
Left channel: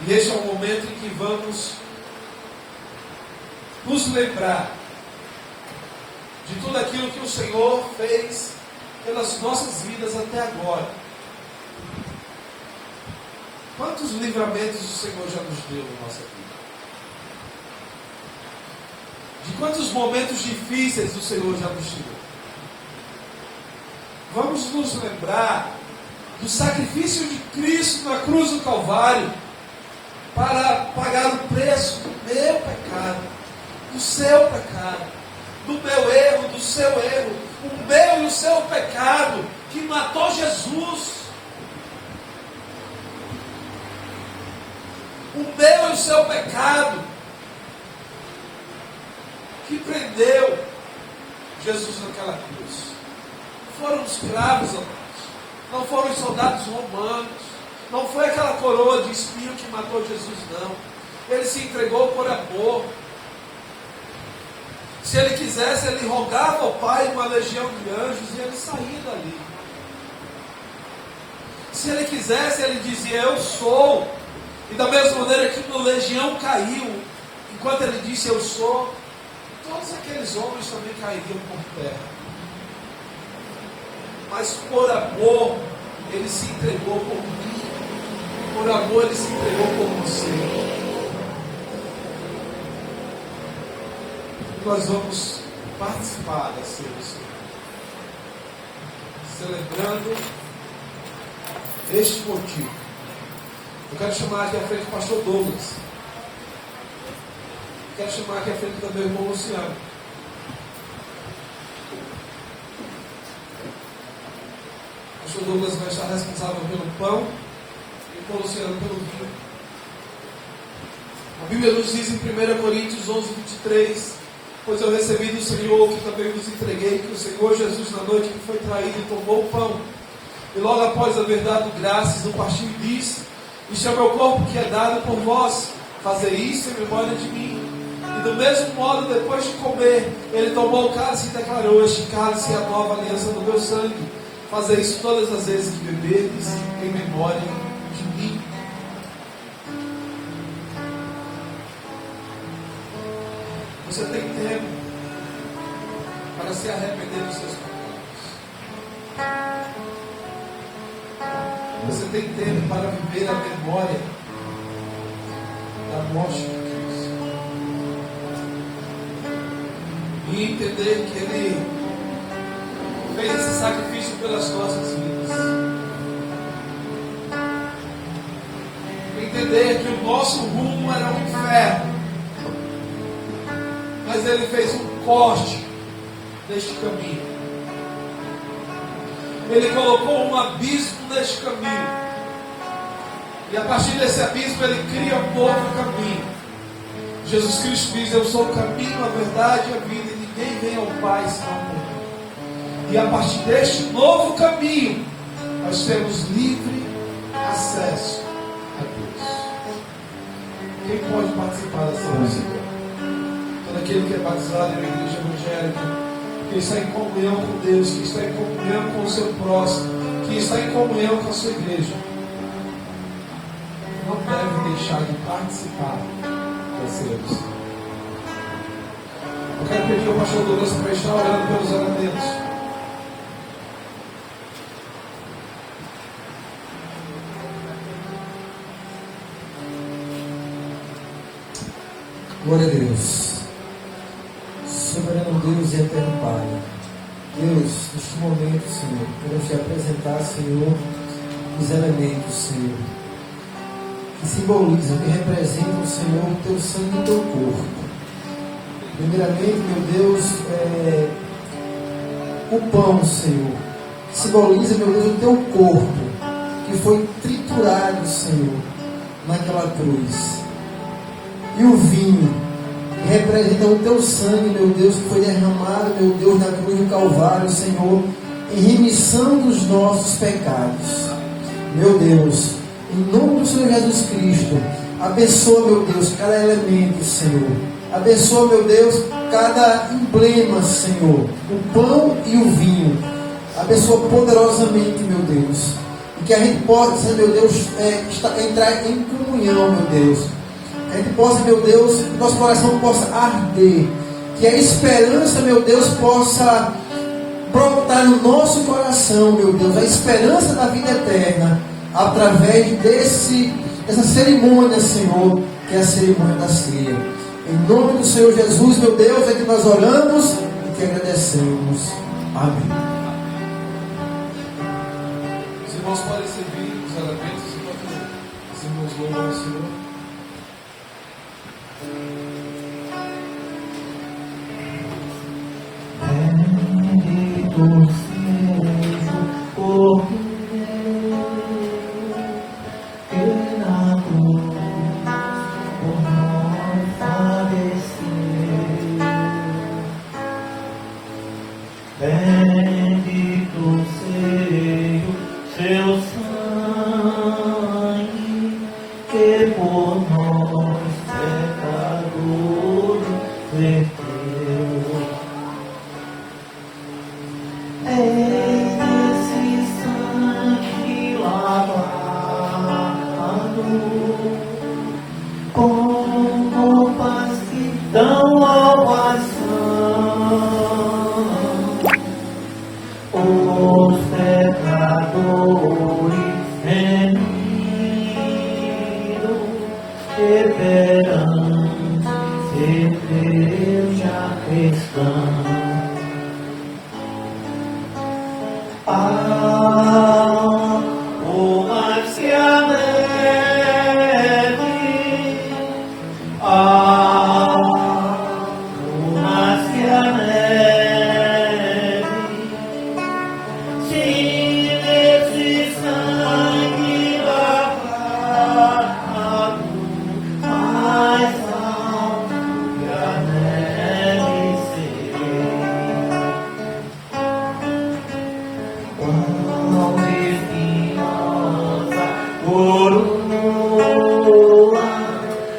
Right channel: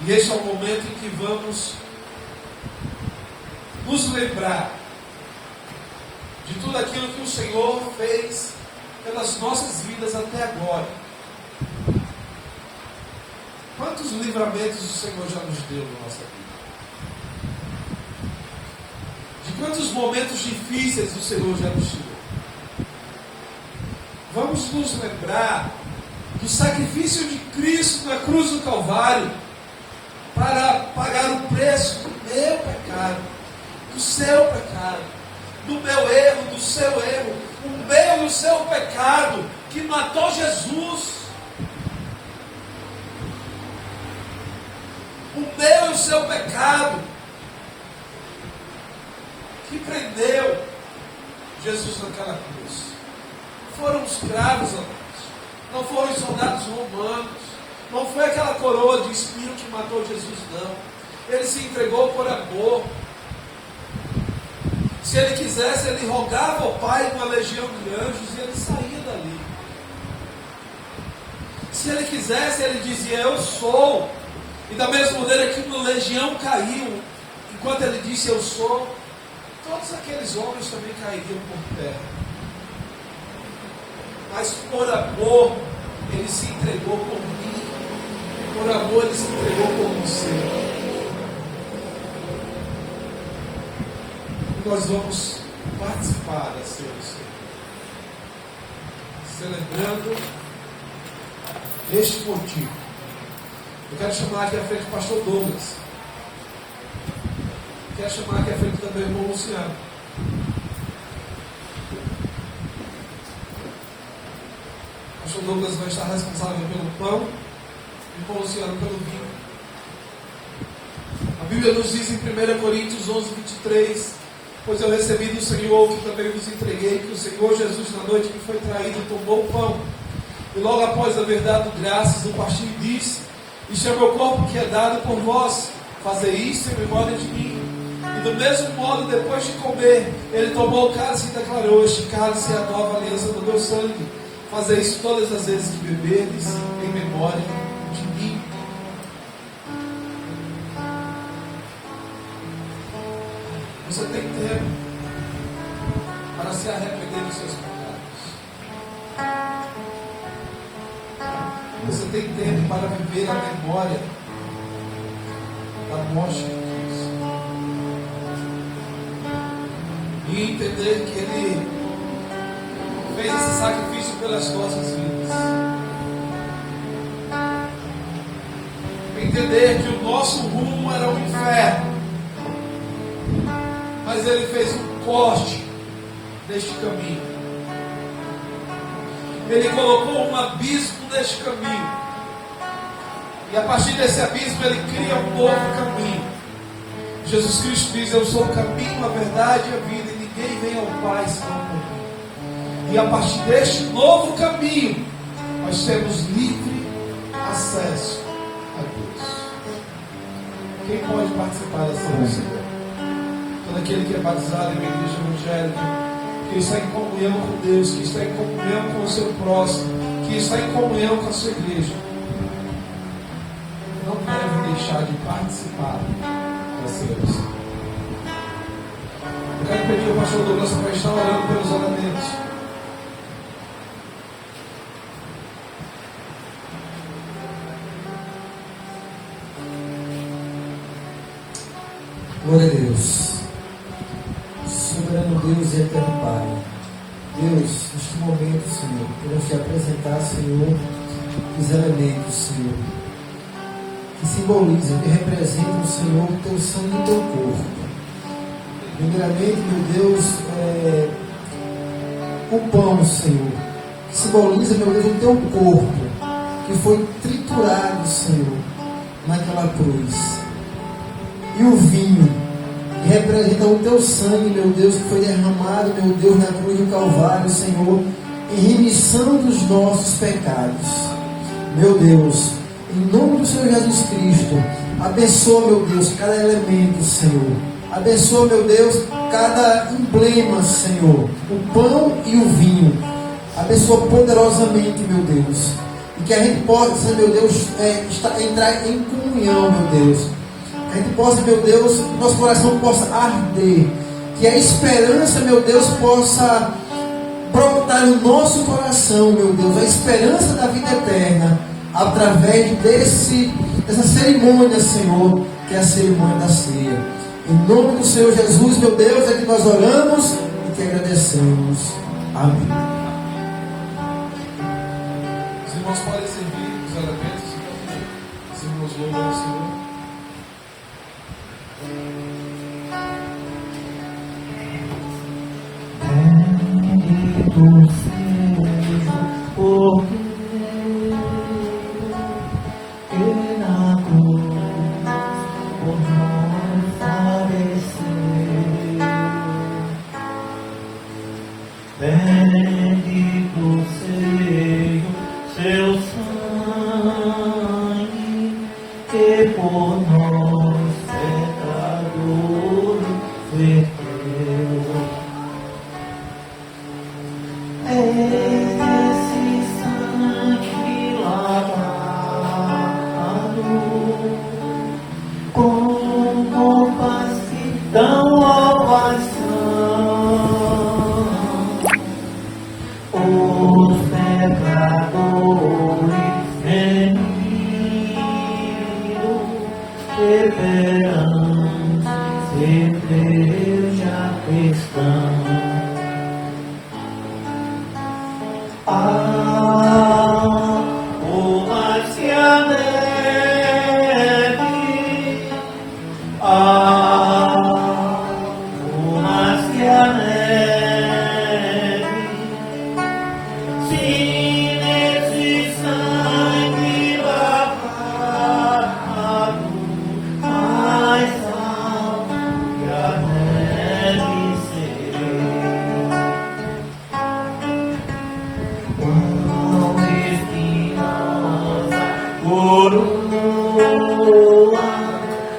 E este é o momento em que vamos nos lembrar de tudo aquilo que o Senhor fez pelas nossas vidas até agora. Quantos livramentos o Senhor já nos deu na nossa vida? De quantos momentos difíceis o Senhor já nos tirou? Vamos nos lembrar do sacrifício de Cristo na cruz do Calvário para pagar o preço do meu pecado, do seu pecado, do meu erro, do seu erro, o meu e o seu pecado que matou Jesus. O meu e o seu pecado que prendeu Jesus naquela cruz. Foram os cravos, amados. Não foram os soldados romanos. Não foi aquela coroa de espinho que matou Jesus, não. Ele se entregou por amor. Se ele quisesse, ele rogava ao Pai uma legião de anjos e ele saía dali. Se ele quisesse, ele dizia, eu sou. E da mesma maneira que uma legião caiu, enquanto ele disse, eu sou, todos aqueles homens também cairiam por terra. Mas por amor, ele se entregou por mim. Por amor, ele se entregou por você. E nós vamos participar da ceia do Senhor, celebrando este motivo. Eu quero chamar aqui à frente o pastor Douglas. Quero chamar aqui à frente também o irmão Luciano. O pastor Douglas vai estar responsável pelo pão e o irmão Luciano pelo vinho. A Bíblia nos diz em 1 Coríntios 11:23, pois eu recebi do Senhor o que também vos entreguei, que o Senhor Jesus na noite que foi traído tomou o pão. E logo após haver dado graças no partir disse, isto é o meu corpo que é dado por vós, fazer isto em memória de mim. E do mesmo modo, depois de comer, ele tomou o cálice e declarou, este cálice é a nova aliança do meu sangue. Fazer isso todas as vezes que beberdes em memória de mim. Você tem tempo para se arrepender dos seus pecados. Você tem tempo para viver a memória da morte de Cristo. e entender que Ele fez esse sacrifício pelas nossas vidas. Entender que o nosso rumo era o inferno, mas Ele fez um corte neste caminho. Ele colocou um abismo neste caminho, e a partir desse abismo Ele cria um novo caminho. Jesus Cristo diz: eu sou o caminho, a verdade e a vida, e ninguém vem ao Pai senão por mim. E a partir deste novo caminho nós temos livre acesso a Deus. Quem pode participar dessa música? Todo aquele que é batizado em uma igreja evangélica, que está em comunhão com Deus, que está em comunhão com o seu próximo, que está em comunhão com a sua igreja, não deve deixar de participar da ceia. Eu quero pedir ao pastor Douglas para estar orando pelos oramentos. Glória a Deus. Soberano Deus e eterno Pai, Deus, neste momento, Senhor, queremos te apresentar, Senhor, os elementos, Senhor, que simbolizam, que representam, Senhor, o teu sangue e o teu corpo. Primeiramente, meu Deus, o pão, Senhor, que simboliza, meu Deus, o teu corpo, que foi triturado, Senhor, naquela cruz. E o vinho, que representa o teu sangue, meu Deus, que foi derramado, meu Deus, na cruz do Calvário, Senhor, em remissão dos nossos pecados. Meu Deus, em nome do Senhor Jesus Cristo, abençoa, meu Deus, cada elemento, Senhor. Abençoa, meu Deus, cada emblema, Senhor, o pão e o vinho. Abençoa poderosamente, meu Deus. E que a gente possa, meu Deus, entrar em comunhão, meu Deus. Que a gente possa, meu Deus, que nosso coração possa arder. Que a esperança, meu Deus, possa brotar no nosso coração, meu Deus. A esperança da vida eterna. Através dessa cerimônia, Senhor, que é a cerimônia da ceia. Em nome do Senhor Jesus, meu Deus, é que nós oramos e que agradecemos. Amém. Os irmãos podem servir os elementos enquanto os irmãos louvam ao Senhor. Bendito seja o corpo que na cruz por nós padeceu. Bendito seja o seu sangue que por nós pecadores verteu. Esse sangue lavado com compaixão ao coração, os pecadores remidos deverão cerveja cristã.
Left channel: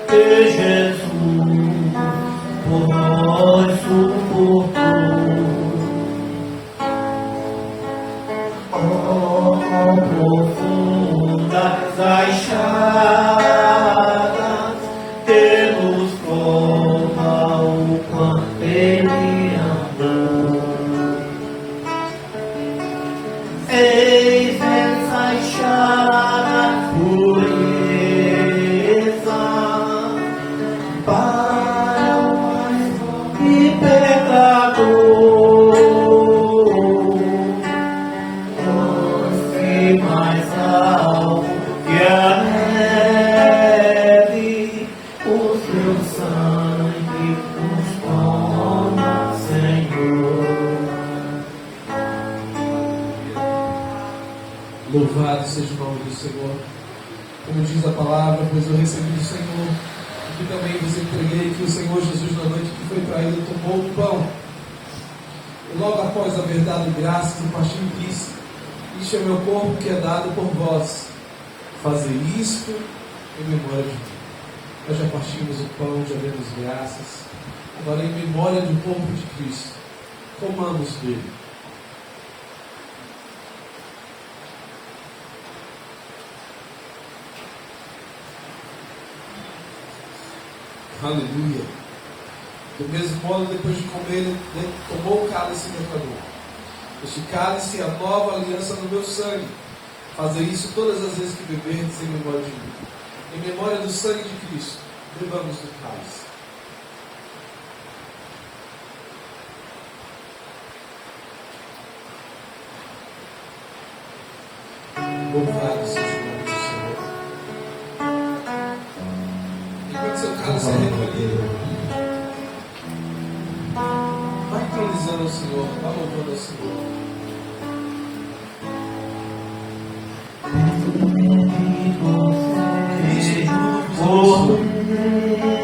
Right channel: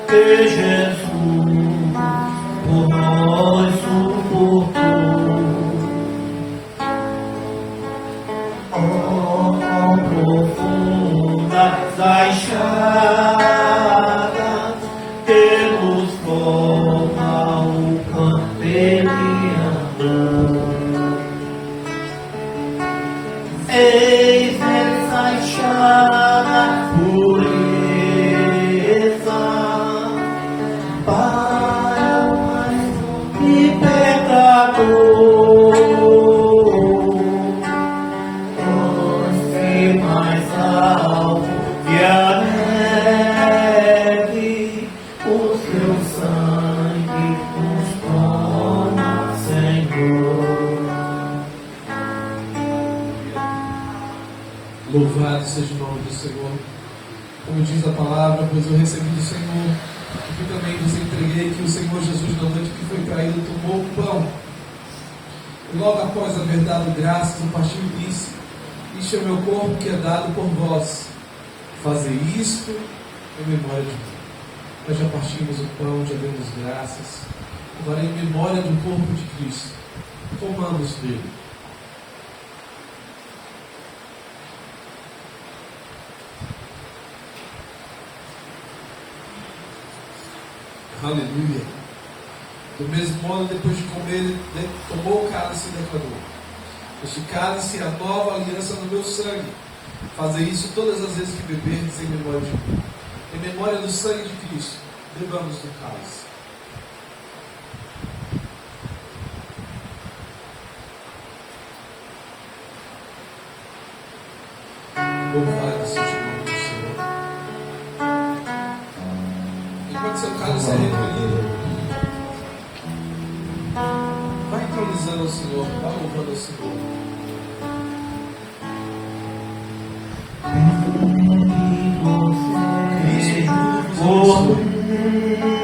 Que Jesus por nós suportou. Profundas as chagas que nos cobra o campeão. Eis essa chama pureza, paz e pecado. Louvado seja o nome do Senhor. Como diz a palavra, pois eu recebi do Senhor, o que também vos entreguei, que o Senhor Jesus, na noite que foi traído, tomou o pão. E logo após haver dado graças, o partiu e disse: Isto é o meu corpo que é dado por vós. Fazei isto em memória de mim. Nós já partimos o pão, já demos graças. Agora, em memória do corpo de Cristo, comamos dele. Aleluia. Do mesmo modo, depois de comer, ele tomou o cálice e declarou: Este cálice é a nova aliança no meu sangue. Fazei isso todas as vezes que beberdes em memória de mim. Em memória do sangue de Cristo, bebamos do cálice. Louvado seja o nome do Senhor. Enquanto seu cálice é recolhido, vai entronizando ao Senhor, vai louvando ao Senhor. Cristo, tudo vos abençoe.